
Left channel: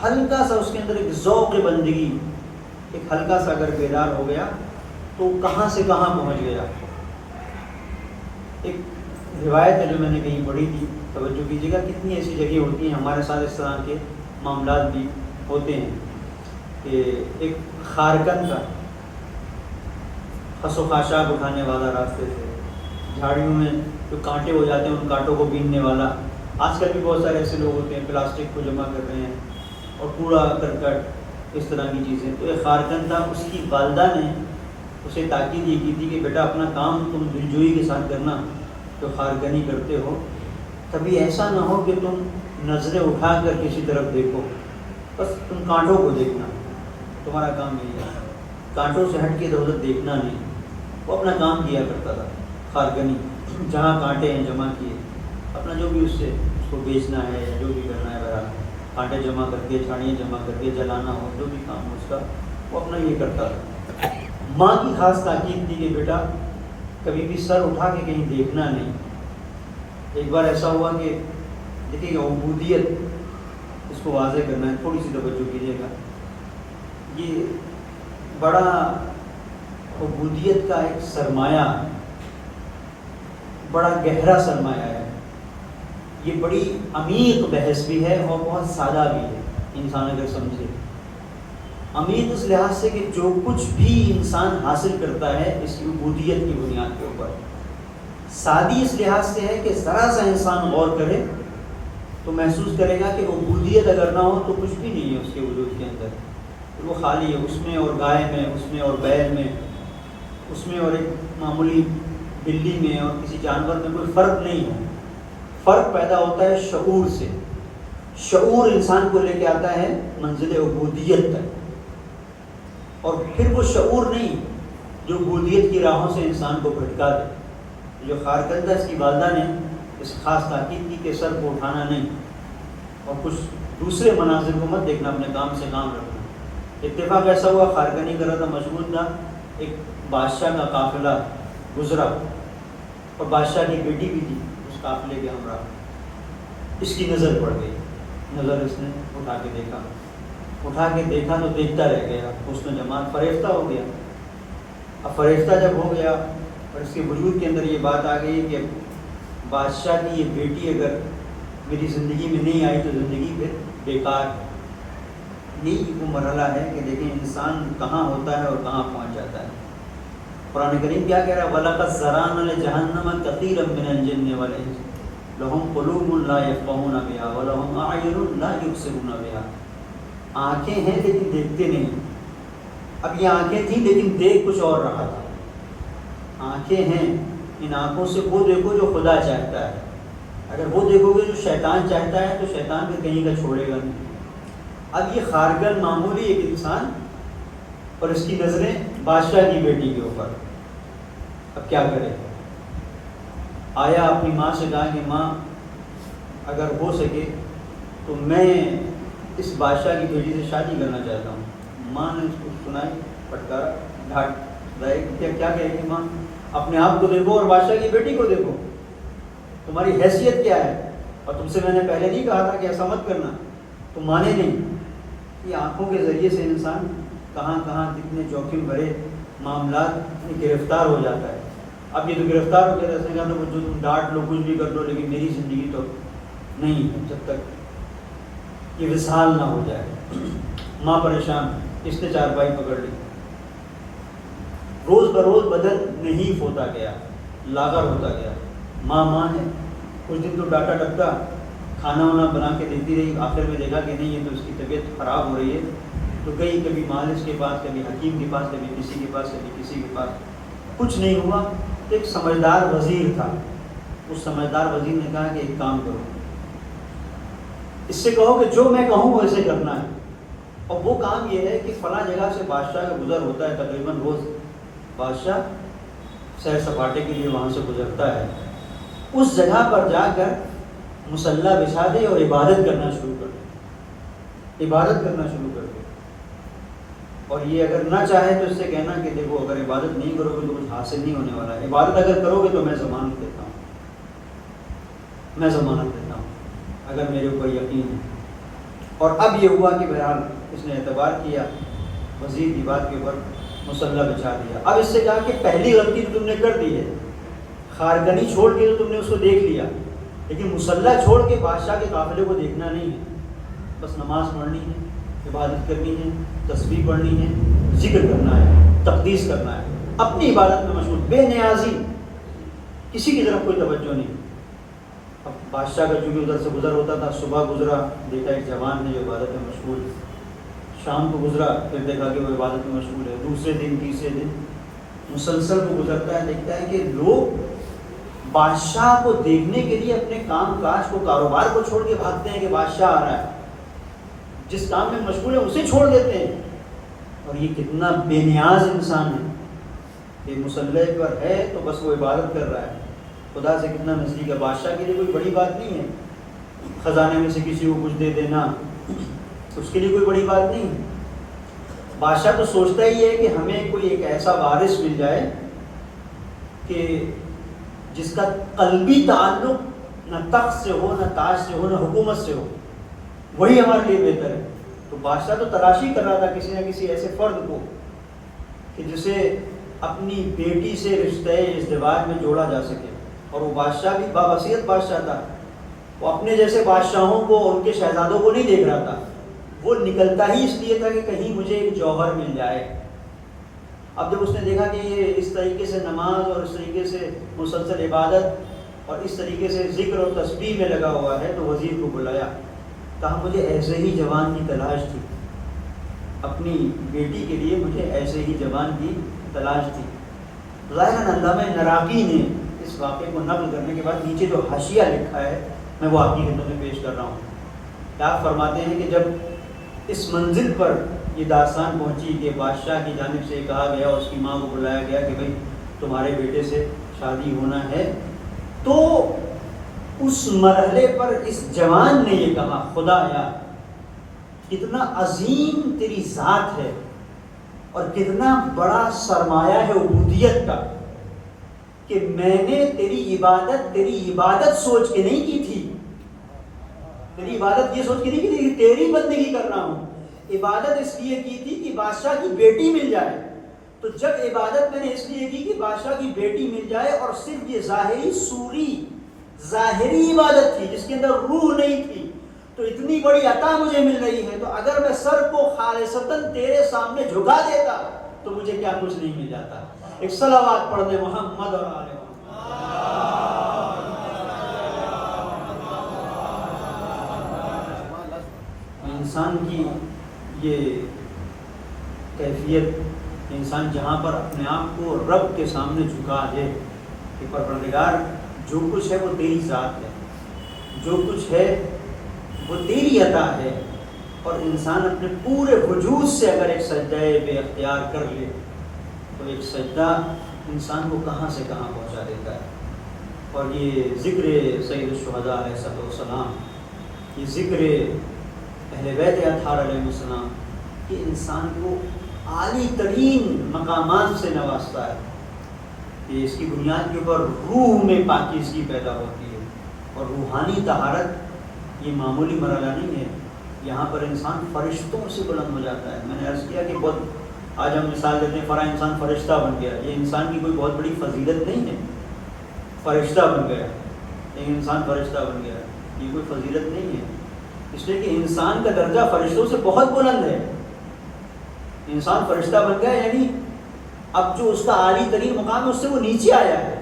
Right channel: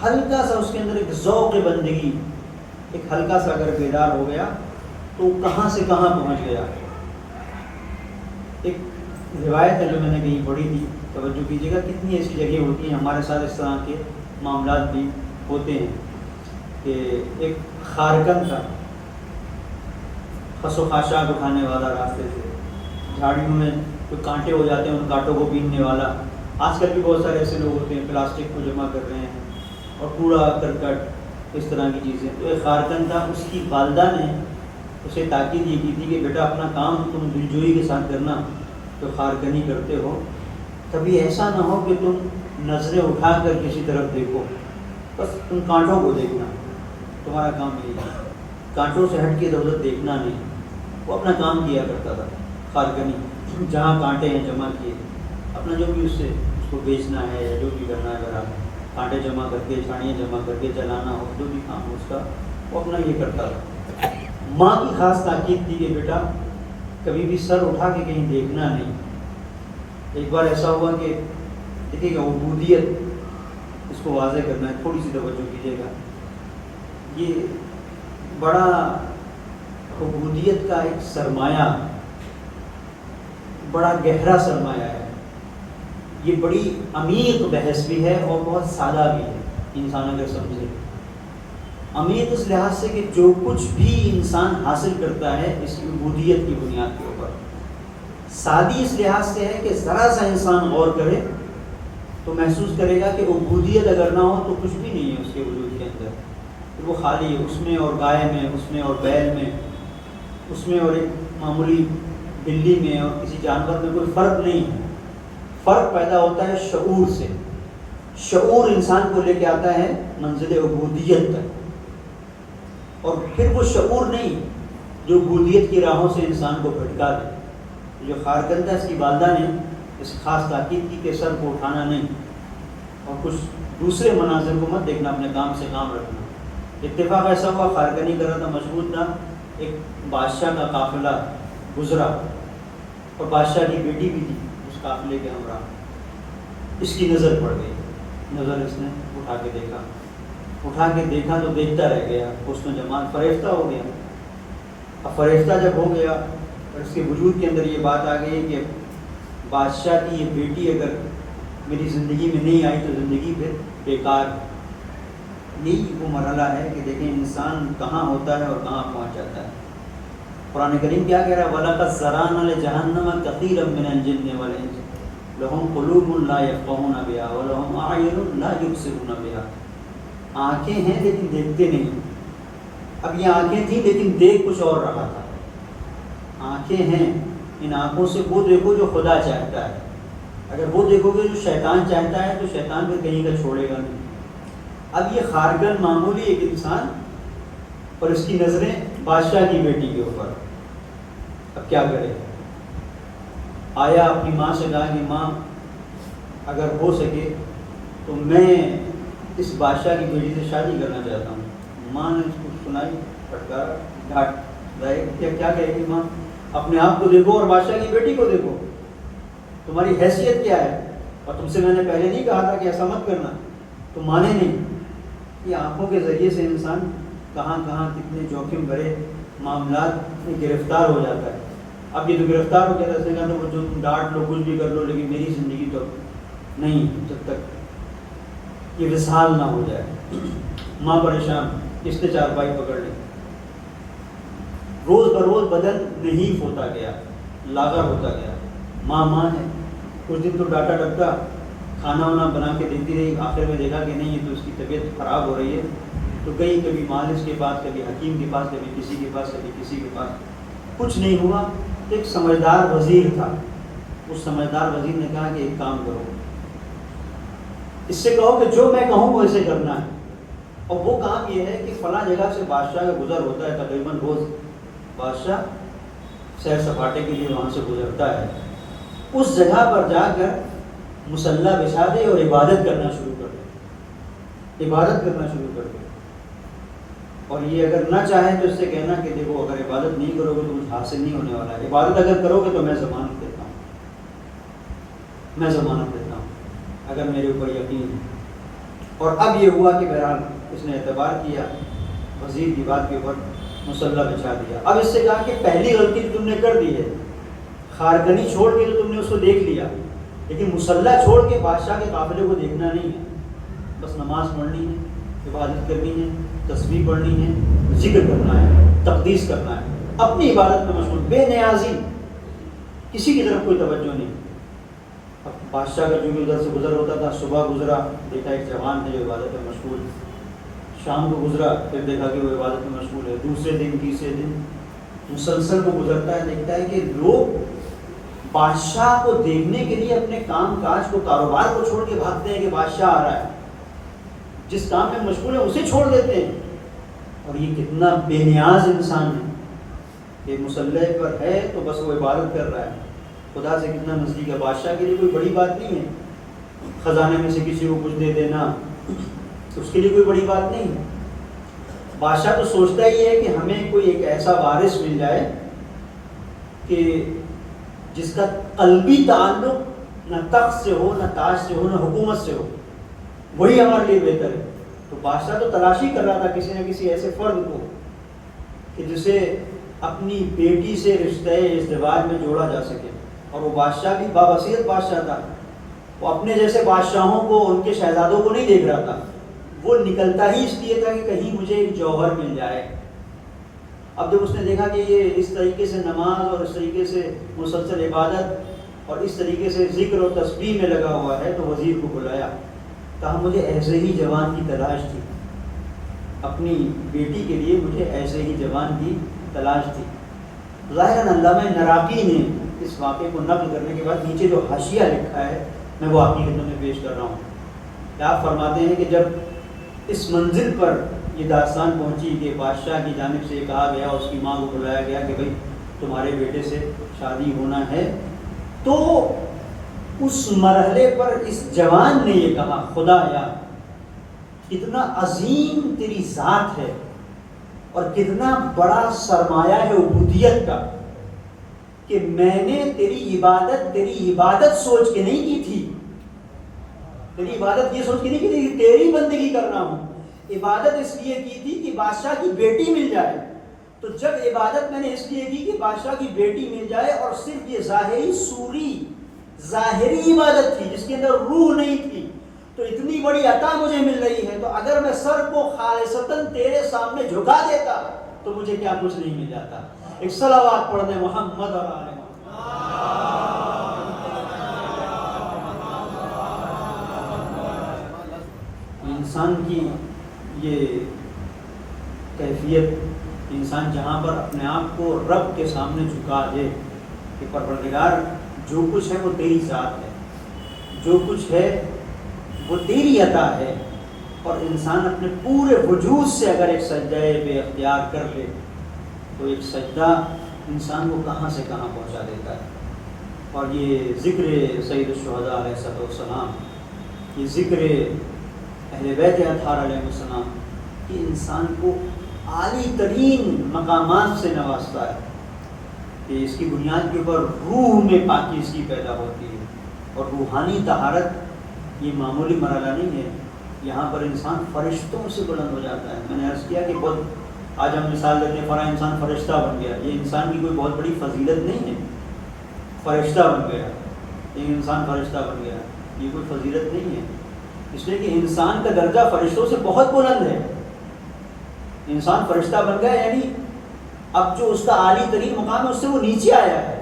ہلکا سا اس کے اندر ایک ذوق بندگی ایک ہلکا سا اگر بیدار ہو گیا تو کہاں سے کہاں پہنچ گیا۔ ایک روایت ہے جو میں نے کہیں پڑھی تھی، توجہ کیجیے گا، کتنی ایسی جگہ ہوتی ہیں ہمارے ساتھ اس طرح کے معاملات بھی ہوتے ہیں کہ ایک خارکن کا خس و خاشاک اٹھانے والا راستے سے، جھاڑیوں میں جو کانٹے ہو جاتے ہیں ان کانٹوں کو بیننے والا، آج کل بھی بہت سارے ایسے لوگ ہوتے ہیں پلاسٹک کو جمع کر رہے ہیں اور کوڑا کرکٹ اس طرح کی چیزیں۔ تو ایک خارکن تھا، اس کی والدہ نے اسے تاکید یہ کی تھی کہ بیٹا اپنا کام تم دلجوئی کے ساتھ کرنا، جو خارکنی کرتے ہو کبھی ایسا نہ ہو کہ تم نظریں اٹھا کر کسی طرف دیکھو، بس تم کانٹوں کو دیکھنا، تمہارا کام یہی ہے، کانٹوں سے ہٹ کے ادھر ادھر دیکھنا نہیں۔ وہ اپنا کام کیا کرتا تھا خارکنی، جہاں کانٹے ہیں جمع کیے، اپنا جو بھی اس کو بیچنا ہے یا جو بھی کرنا ہے، میرا کانٹے جمع کر کے جھاڑیاں جمع کر کے جلانا ہو، جو بھی کام ہو اس کا وہ اپنا یہ کرتا تھا۔ ماں کی خاص تاکید تھی کہ بیٹا کبھی بھی سر اٹھا کے کہیں دیکھنا نہیں۔ ایک بار ایسا ہوا کہ دیکھیے گا عبودیت، اس کو واضح کرنا ہے، تھوڑی سی توجہ کیجیے گا، یہ بڑا عبودیت کا ایک سرمایہ، بڑا گہرا سرمایہ ہے، یہ بڑی عمیق بحث بھی ہے اور بہت سادہ بھی ہے، انسان اگر سمجھے۔ عمیق اس لحاظ سے کہ جو کچھ بھی انسان حاصل کرتا ہے اس کی عبودیت کی بنیاد کے اوپر، سادی اس لحاظ سے ہے کہ ذرا سا انسان غور کرے تو محسوس کرے گا کہ عبودیت اگر نہ ہو تو کچھ بھی نہیں ہے اس کے وجود کے اندر، وہ خالی ہے، اس میں اور گائے میں، اس میں اور بیل میں، اس میں اور ایک معمولی بلی میں اور کسی جانور میں کوئی فرق نہیں ہے۔ فرق پیدا ہوتا ہے شعور سے، شعور انسان کو لے کے آتا ہے منزل عبودیت تک، اور پھر وہ شعور نہیں جو عبودیت کی راہوں سے انسان کو بھٹکا دے۔ جو خارکن تھا، اس کی والدہ نے اس خاص تاکید کی کہ سر کو اٹھانا نہیں اور کچھ دوسرے مناظر کو مت دیکھنا، اپنے کام سے کام رکھنا۔ اتفاق ایسا ہوا، خارکنی کر رہا تھا، مشغول تھا، ایک بادشاہ کا قافلہ گزرا اور بادشاہ کی بیٹی بھی تھی اس قافلے کے ہمراہ۔ اس کی نظر پڑ گئی، نظر اس نے اٹھا کے دیکھا تو دیکھتا رہ گیا، اس نے جمال فریفتہ ہو گیا۔ اب فریفتہ جب ہو گیا اور اس کے وجود کے اندر یہ بات آ گئی کہ بادشاہ کی یہ بیٹی اگر میری زندگی میں نہیں آئی تو زندگی پھر بیکار۔ یہی وہ مرحلہ ہے کہ دیکھیں انسان کہاں ہوتا ہے اور کہاں پہنچ جاتا ہے۔ قرآن کریم کیا کہہ رہا ہے؟ وَلَقَدْ ذَرَأْنَا لِجَهَنَّمَ كَثِيرًا مِنَ الْجِنِّ وَالْإِنسِ لَهُمْ قُلُوبٌ لَا يَفْقَهُونَ بِهَا وَلَهُمْ أَعْيُنٌ لَا يُبْصِرُونَ بِهَا۔ آنکھیں ہیں لیکن دیکھتے نہیں۔ اب یہ آنکھیں تھیں لیکن دیکھ کچھ اور رہا تھا۔ آنکھیں ہیں، ان آنکھوں سے وہ دیکھو جو خدا چاہتا ہے، اگر وہ دیکھو گے جو شیطان چاہتا ہے تو شیطان پھر کہیں کا چھوڑے گا نہیں۔ اب یہ خارکن معمولی ایک انسان اور اس کی نظریں بادشاہ کی بیٹی کے اوپر، اب کیا کرے؟ آیا اپنی ماں سے کہا کہ ماں اگر ہو سکے تو میں اس بادشاہ کی بیٹی سے شادی کرنا چاہتا ہوں۔ ماں نے اس کو سنائی، پھٹکارا، ڈانٹ کیا کہے گی ماں؟ اپنے آپ کو دیکھو اور بادشاہ کی بیٹی کو دیکھو، تمہاری حیثیت کیا ہے؟ اور تم سے میں نے پہلے نہیں کہا تھا کہ ایسا مت کرنا، تم مانے نہیں۔ یہ آنکھوں کے ذریعے سے انسان کہاں کہاں کتنے جوخم بھرے معاملات میں گرفتار ہو جاتا ہے۔ اب یہ تو گرفتار ہو کے ایسے کہنا جو تم ڈانٹ لو کچھ بھی کر لو لیکن میری زندگی تو نہیں، جب تک یہ وصال نہ ہو جائے۔ ماں پریشان، اس نے چارپائی پکڑ لی. روز بروز بدن نہیں ہوتا گیا, لاغر ہوتا گیا. ماں ہے, کچھ دن تو ڈاٹا ڈبتا کھانا وانا بنا کے دیتی رہی. آخر میں دیکھا کہ نہیں, یہ تو اس کی طبیعت خراب ہو رہی ہے, تو کبھی مالش کے پاس, کبھی حکیم کے پاس, کبھی کسی کے پاس, کبھی کسی کے پاس, کچھ نہیں ہوا. ایک سمجھدار وزیر تھا, اس سمجھدار وزیر نے کہا کہ ایک کام کرو, اس سے کہو کہ جو میں کہوں ویسے کرنا ہے. اور وہ کام یہ ہے کہ فلاں جگہ سے بادشاہ کا گزر ہوتا ہے, تقریباً روز بادشاہ سیر سپاٹے کے لیے وہاں سے گزرتا ہے. اس جگہ پر جا کر مصلی بچھا دے اور عبادت کرنا شروع کر دے, عبادت کرنا شروع کر دے. اور یہ اگر نہ چاہے تو اس سے کہنا کہ دیکھو اگر عبادت نہیں کرو گے تو کچھ حاصل نہیں ہونے والا ہے, عبادت اگر کرو گے تو میں ضمانت دیتا ہوں, میں ضمانت دیتا ہوں اگر میرے اوپر یقین ہے. اور اب یہ ہوا کہ بہرحال اس نے اعتبار کیا, وزیر کی بات کے اوپر مصلی بچھا دیا. اب اس سے کہا کہ پہلی غلطی تو تم نے کر دی ہے, خارکنی چھوڑ کے تو تم نے اس کو دیکھ لیا, لیکن مصلی چھوڑ کے بادشاہ کے قافلے کو دیکھنا نہیں ہے. بس نماز پڑھنی ہے, عبادت کرنی ہے, تسبیح پڑھنی ہے, ذکر کرنا ہے, تقدیس کرنا ہے, اپنی عبادت میں مشغول, بے نیازی, کسی کی طرف کوئی توجہ نہیں. اب بادشاہ کا چونکہ ادھر سے گزر ہوتا تھا, صبح گزرا دیکھا ایک جوان ہے جو عبادت میں مشغول, شام کو گزرا پھر دیکھا کہ وہ عبادت میں مشغول ہے, دوسرے دن تیسرے دن مسلسل وہ گزرتا ہے. دیکھتا ہے کہ لوگ بادشاہ کو دیکھنے کے لیے اپنے کام کاج کو, کاروبار کو چھوڑ کے بھاگتے ہیں کہ بادشاہ آ رہا ہے, جس کام میں مشغول ہے اسے چھوڑ دیتے ہیں. اور یہ کتنا بے نیاز انسان ہے کہ مصلی پر ہے تو بس وہ عبادت کر رہا ہے, خدا سے کتنا نزدیک ہے. بادشاہ کے لیے کوئی بڑی بات نہیں ہے خزانے میں سے کسی کو کچھ دے دینا, اس کے لیے کوئی بڑی بات نہیں. بادشاہ تو سوچتا ہی ہے کہ ہمیں کوئی ایک ایسا وارث مل جائے کہ جس کا قلبی تعلق نہ تخت سے ہو, نہ تاج سے ہو, نہ حکومت سے ہو, وہی ہمارے لیے بہتر ہے. تو بادشاہ تو تلاشی کر رہا تھا کسی نہ کسی ایسے فرد کو کہ جسے اپنی بیٹی سے رشتہ ازدواج میں جوڑا جا سکے. اور وہ بادشاہ بھی بابصیرت بادشاہ تھا, وہ اپنے جیسے بادشاہوں کو, ان کے شہزادوں کو نہیں دیکھ رہا تھا, وہ نکلتا ہی اس لیے تھا کہ کہیں مجھے ایک جوہر مل جائے. اب جب اس نے دیکھا کہ یہ اس طریقے سے نماز اور اس طریقے سے مسلسل عبادت اور اس طریقے سے ذکر اور تسبیح میں لگا ہوا ہے, تو وزیر کو بلایا, کہا مجھے ایسے ہی جوان کی تلاش تھی, اپنی بیٹی کے لیے مجھے ایسے ہی جوان کی تلاش تھی. ظاہراً علامہ نراقی نے اس واقعے کو نقل کرنے کے بعد نیچے جو حاشیہ لکھا ہے میں وہ آپ کی خدمت میں پیش کر رہا ہوں. آپ فرماتے ہیں کہ جب اس منزل پر یہ داستان پہنچی کہ بادشاہ کی جانب سے کہا گیا, اس کی ماں کو بلایا گیا کہ بھائی تمہارے بیٹے سے شادی ہونا ہے, تو اس مرحلے پر اس جوان نے یہ کہا, خدایا کتنا عظیم تیری ذات ہے اور کتنا بڑا سرمایہ ہے عبودیت کا کہ میں نے تیری عبادت سوچ کے نہیں کی تھی, تیری عبادت یہ سوچ کے نہیں کی تھی کہ تیری بندگی کر رہا ہوں, عبادت اس لیے کی تھی کہ بادشاہ کی بیٹی مل جائے. تو جب عبادت میں نے اس لیے کی کہ بادشاہ کی بیٹی مل جائے, اور صرف یہ ظاہری عبادت تھی جس کے اندر روح نہیں تھی, تو اتنی بڑی عطا مجھے مل رہی ہے, تو اگر میں سر کو خالصتاً تیرے سامنے جھکا دیتا تو مجھے کیا کچھ نہیں مل جاتا. ایک صلوات پڑھ دیں محمد اور آل محمد. انسان کی یہ کیفیت, انسان جہاں پر اپنے آپ کو رب کے سامنے جھکا دے کہ پروردگار جو کچھ ہے وہ تیری ذات ہے, جو کچھ ہے وہ تیری عطا ہے, اور انسان اپنے پورے وجود سے اگر ایک سجدہ بے اختیار کر لے تو ایک سجدہ انسان کو کہاں سے کہاں پہنچا دیتا ہے. اور یہ ذکر سید الشہداء علیہ السلام, یہ ذکر اہل بیت اطہار علیہ السلام, یہ انسان کو عالی ترین مقامات سے نوازتا ہے کہ اس کی بنیاد کے اوپر روح میں پاکیزگی پیدا ہوتی ہے. اور روحانی طہارت یہ معمولی مرحلہ نہیں ہے, یہاں پر انسان فرشتوں سے بلند ہو جاتا ہے. میں نے عرض کیا کہ بہت آج ہم مثال دیتے ہیں فلاں انسان فرشتہ بن گیا, یہ انسان کی کوئی بہت بڑی فضیلت نہیں ہے, فرشتہ بن گیا, ایک انسان فرشتہ بن گیا, یہ کوئی فضیلت نہیں ہے, اس لیے کہ انسان کا درجہ فرشتوں سے بہت بلند ہے. انسان فرشتہ بن گیا، یعنی اب جو اس کا عالی ترین مقام ہے اس سے وہ نیچے آیا ہے،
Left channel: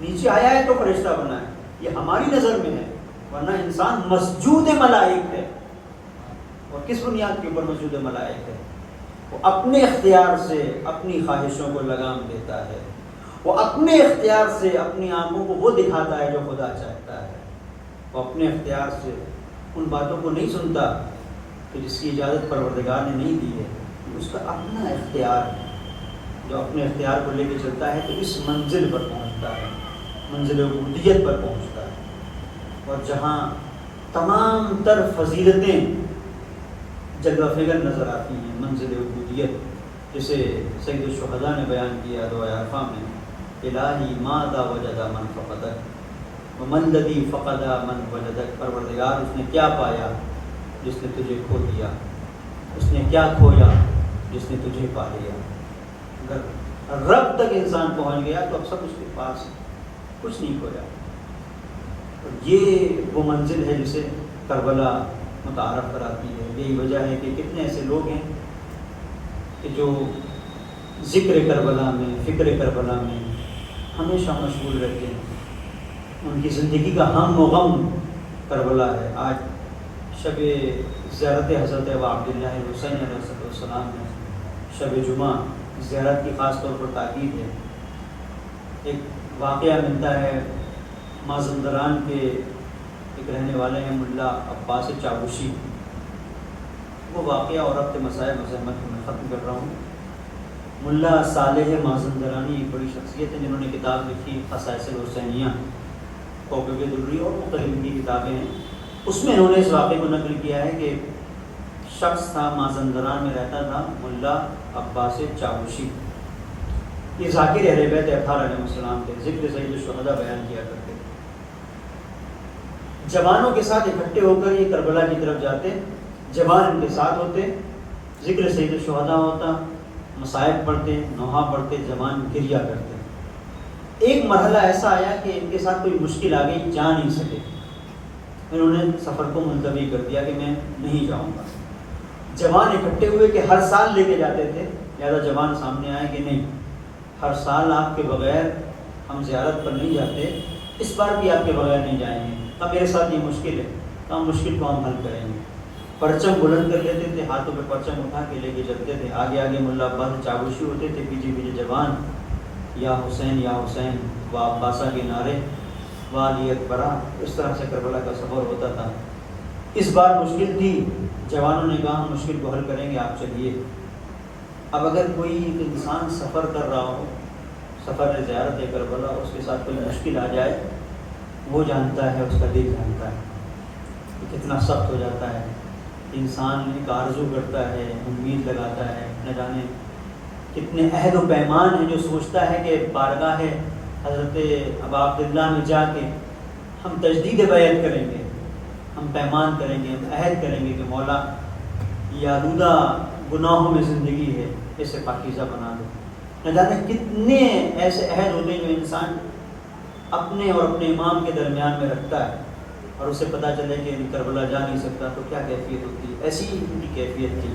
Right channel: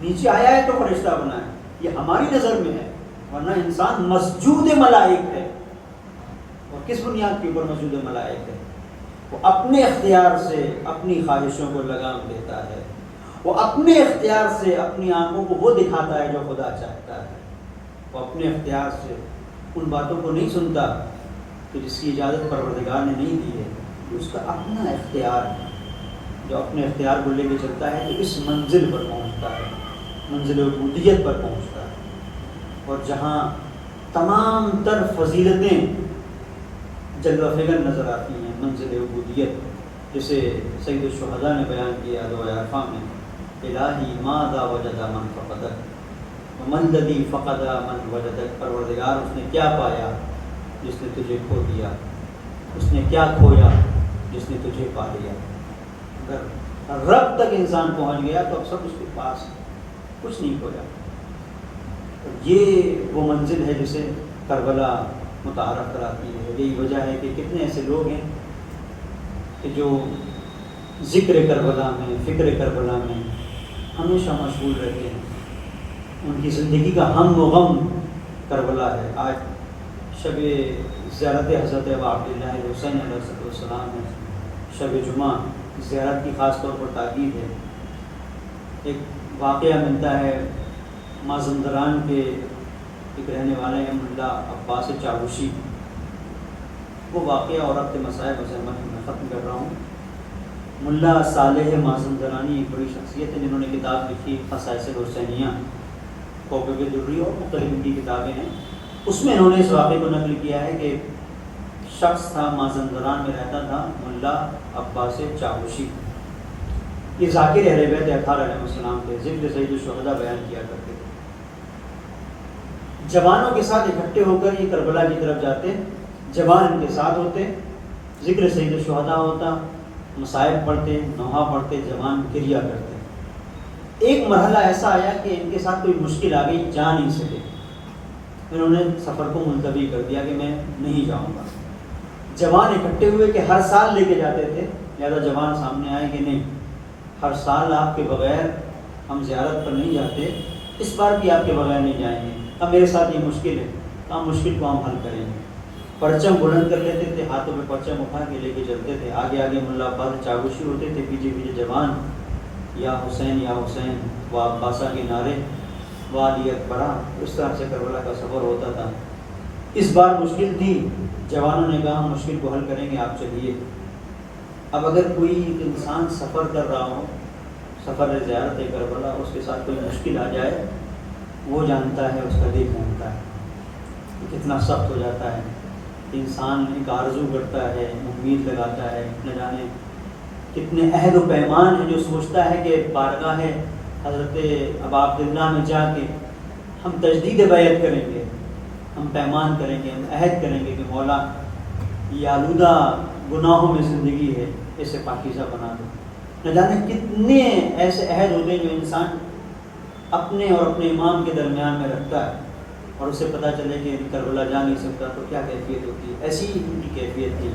نیچے آیا ہے تو فرشتہ بنا ہے. یہ ہماری نظر میں ہے، ورنہ انسان مسجود ملائک ہے. اور کس بنیاد کے اوپر مسجود ملائک ہے؟ وہ اپنے اختیار سے اپنی خواہشوں کو لگام دیتا ہے، وہ اپنے اختیار سے اپنی آنکھوں کو وہ دکھاتا ہے جو خدا چاہتا ہے، وہ اپنے اختیار سے ان باتوں کو نہیں سنتا کہ جس کی اجازت پروردگار نے نہیں دی ہے. اس کا اپنا اختیار ہے، جو اپنے اختیار کو لے کے چلتا ہے تو اس منزل پر پہنچتا ہے، منزل عبودیت پر پہنچتا ہے. اور جہاں تمام تر فضیلتیں جلوہ فگر نظر آتی ہیں، منزل عبودیت، جسے سید الشہداء نے بیان کیا دعائے عرفہ میں، الہی ماذا وجد من فقدک ومن الذی فقد من وجدک. پروردگار اس نے کیا پایا جس نے تجھے کھو دیا، اس نے کیا کھویا جس نے تجھے پا لیا. اگر رب تک انسان پہنچ گیا تو اب سب اس کے پاس ہے، کچھ نہیں کھویا. یہ وہ منزل ہے جسے کربلا متعارف کراتی ہے. یہی وجہ ہے کہ کتنے ایسے لوگ ہیں کہ جو ذکر کربلا میں، فکر کربلا میں ہمیشہ مشغول رہتے ہیں. ان کی زندگی کا ہم و غم کربلا ہے. آج شب زیارت حضرت ابا عبداللہ حسین علیہ السلام ہے، شب جمعہ، زیارت کی خاص طور پر تاکید ہے. ایک واقعہ ملتا ہے مازندران کے ایک رہنے والے ہیں ملا عباس چاوشی. وہ واقعہ اور اب کے مسائل مذمت میں ختم کر رہا ہوں. ملا صالح مازندرانی ایک بڑی شخصیت ہے جنہوں نے کتاب لکھی خصائص الحسینیہ، کوکب دری اور مختلف کی کتابیں ہیں. اس میں انہوں نے اس واقعے کو نقل کیا ہے کہ شخص تھا مازندران میں رہتا تھا، ملا عباس چاوشی. یہ ذاکر اہل بیت اطہار علیہ السلام تھے، ذکر سید الشہداء بیان کیا کرتے. جوانوں کے ساتھ اکٹھے ہو کر یہ کربلا کی طرف جاتے، جوان ان کے ساتھ ہوتے، ذکر سید الشہداء ہوتا، مصائب پڑھتے، نوحہ پڑھتے، جوان گریا کرتے. ایک مرحلہ ایسا آیا کہ ان کے ساتھ کوئی مشکل آ گئی، جا نہیں سکے. انہوں نے سفر کو ملتوی کر دیا کہ میں نہیں جاؤں گا. جوان اکٹھے ہوئے کہ ہر سال لے کے جاتے تھے، لہٰذا جوان سامنے آئے کہ نہیں، ہر سال آپ کے بغیر ہم زیارت پر نہیں جاتے، اس بار بھی آپ کے بغیر نہیں جائیں گے. اب میرے ساتھ یہ مشکل ہے، تو ہم مشکل کو ہم حل کریں گے. پرچم بلند کر لیتے تھے، ہاتھوں پہ پرچم اٹھا کے لے کے چلتے تھے. آگے آگے ملا عباس چاوشی ہوتے تھے، پیچھے پیچھے جوان یا حسین و عباسہ کے نعرے، والی اکبرہ. اس طرح سے کربلا کا سفر ہوتا تھا. اس بار مشکل تھی، جوانوں نے کہا ہم مشکل کو حل کریں گے، آپ چلیے. اب اگر کوئی انسان سفر کر رہا ہو، سفر زیارت کربلا، اس کے ساتھ کوئی مشکل آ جائے، وہ جانتا ہے، اس کا دل جانتا ہے کتنا سخت ہو جاتا ہے. انسان ایک آرزو کرتا ہے، امید لگاتا ہے، نہ جانے کتنے عہد و پیمان ہیں جو سوچتا ہے کہ بارگاہ حضرت ابا عبداللہ میں جا کے ہم تجدید بیعت کریں گے، ہم پیمان کریں گے، ہم عہد کریں گے کہ مولا یہ آلودہ گناہوں میں زندگی ہے، اسے پاکیزہ بنا دو. نہ جانے کتنے ایسے عہد ہوتے ہیں جو انسان اپنے اور اپنے امام کے درمیان میں رکھتا ہے، اور اسے پتہ چلے کہ کربلا جا نہیں سکتا تو کیا کیفیت ہوتی ہے. ایسی ہی کیفیت تھی.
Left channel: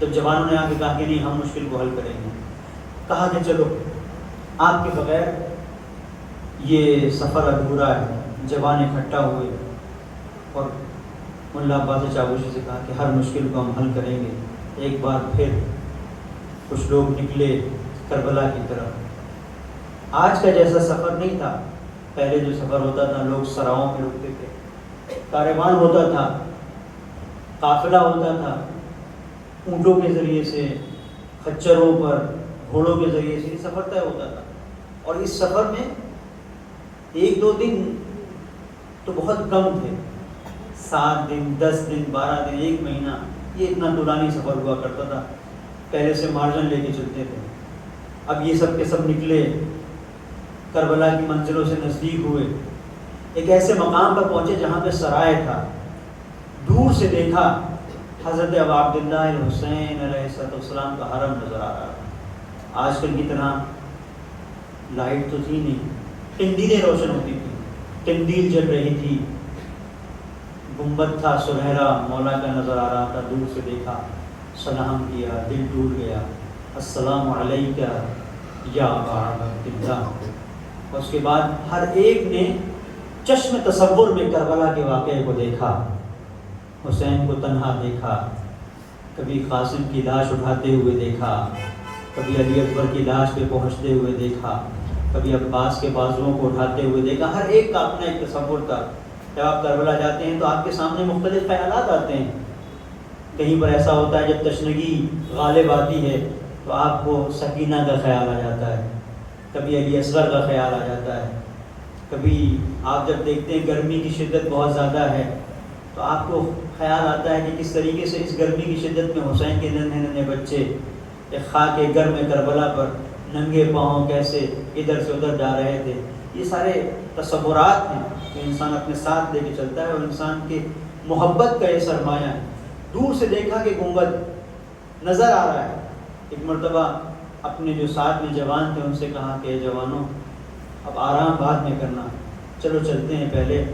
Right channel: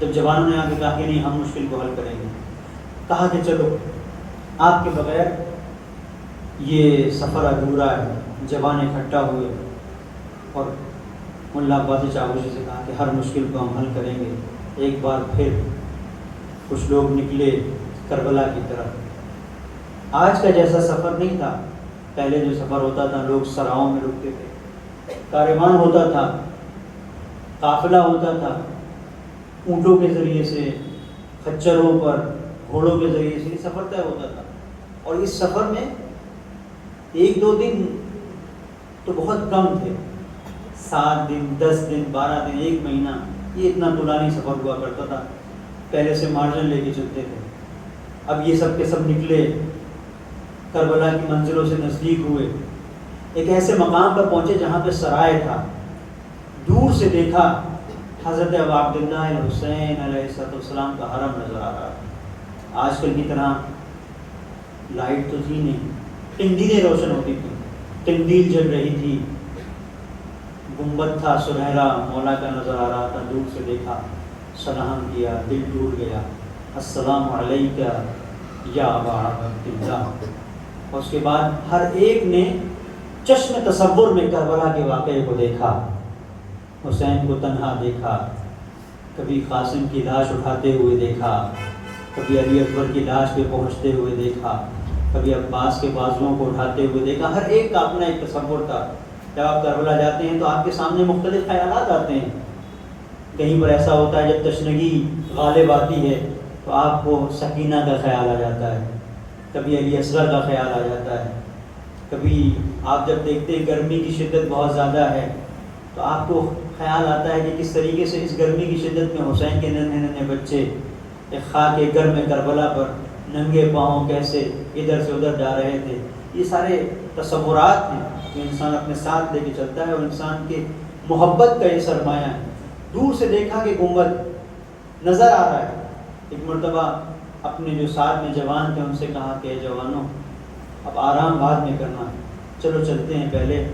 جب جوانوں نے آ کے کہا کہ نہیں ہم مشکل کو حل کریں گے، کہا کہ چلو آپ کے بغیر یہ سفر ادھورا ہے. جوان اکٹھا ہوئے اور ملا عباس چاوشی سے کہا کہ ہر مشکل کو ہم حل کریں گے. ایک بار پھر کچھ لوگ نکلے کربلا کی طرف. آج کا جیسا سفر نہیں تھا. پہلے جو سفر ہوتا تھا لوگ سراؤں میں رکتے تھے، کاروان ہوتا تھا، قافلہ ہوتا تھا، اونٹوں کے ذریعے سے، خچروں پر، گھوڑوں کے ذریعے سے یہ سفر طے ہوتا تھا. اور اس سفر میں 1-2 دن تو بہت کم تھے، 7 دن، 10 دن، 12 دن، 1 مہینہ، یہ اتنا طولانی سفر ہوا کرتا تھا. پہلے سے مارجن لے کے چلتے تھے. اب یہ سب کے سب نکلے، کربلا کی منزلوں سے نزدیک ہوئے، ایک ایسے مقام پر پہنچے جہاں پہ سرائے تھا. دور سے دیکھا حضرت ابا عبداللہ الحسین علیہ السلام کا حرم نظر آ رہا. آج کل کی طرح لائٹ تو تھی نہیں، قندیلیں روشن ہوتی تھی، قندیل جل رہی تھی، گنبد تھا سنہرا، مولا کا نظر آ رہا تھا. دور سے دیکھا سلام کیا، دل ٹوٹ گیا، السلام علیکہ یا ابا عبداللہ۔ اور اس کے بعد ہر ایک نے چشم تصور میں کربلا کے واقعے کو دیکھا، حسین کو تنہا دیکھا، کبھی قاسم کی لاش اٹھاتے ہوئے دیکھا، کبھی علی اکبر کی لاش پہ پہنچتے ہوئے دیکھا، کبھی عباس کے بازوؤں کو اٹھاتے ہوئے دیکھا۔ ہر ایک کا اپنا ایک تصور تھا۔ جب آپ کربلا جاتے ہیں تو آپ کے سامنے مختلف خیالات آتے ہیں۔ کہیں پر ایسا ہوتا ہے جب تشنگی غالب آتی ہے تو آپ کو سکینہ کا خیال آ جاتا ہے، کبھی علی اصغر کا خیال آ جاتا ہے، کبھی آپ جب دیکھتے ہیں گرمی کی شدت بہت زیادہ ہے تو آپ کو خیال آتا ہے کہ کس طریقے سے اس گرمی کی شدت میں حسین کے ننھے ننھے بچے ایک خاک گرم کربلا پر ننگے پاؤں کیسے ادھر سے ادھر جا رہے تھے۔ یہ سارے تصورات ہیں جو انسان اپنے ساتھ لے کے چلتا ہے، اور انسان کے محبت کا یہ سرمایہ ہے۔ دور سے دیکھا کہ گنبد نظر آ رہا ہے۔ ایک مرتبہ اپنے جو ساتھ میں جوان تھے ان سے کہا کہ جوانوں اب آرام بعد میں کرنا، چلو چلتے ہیں، پہلے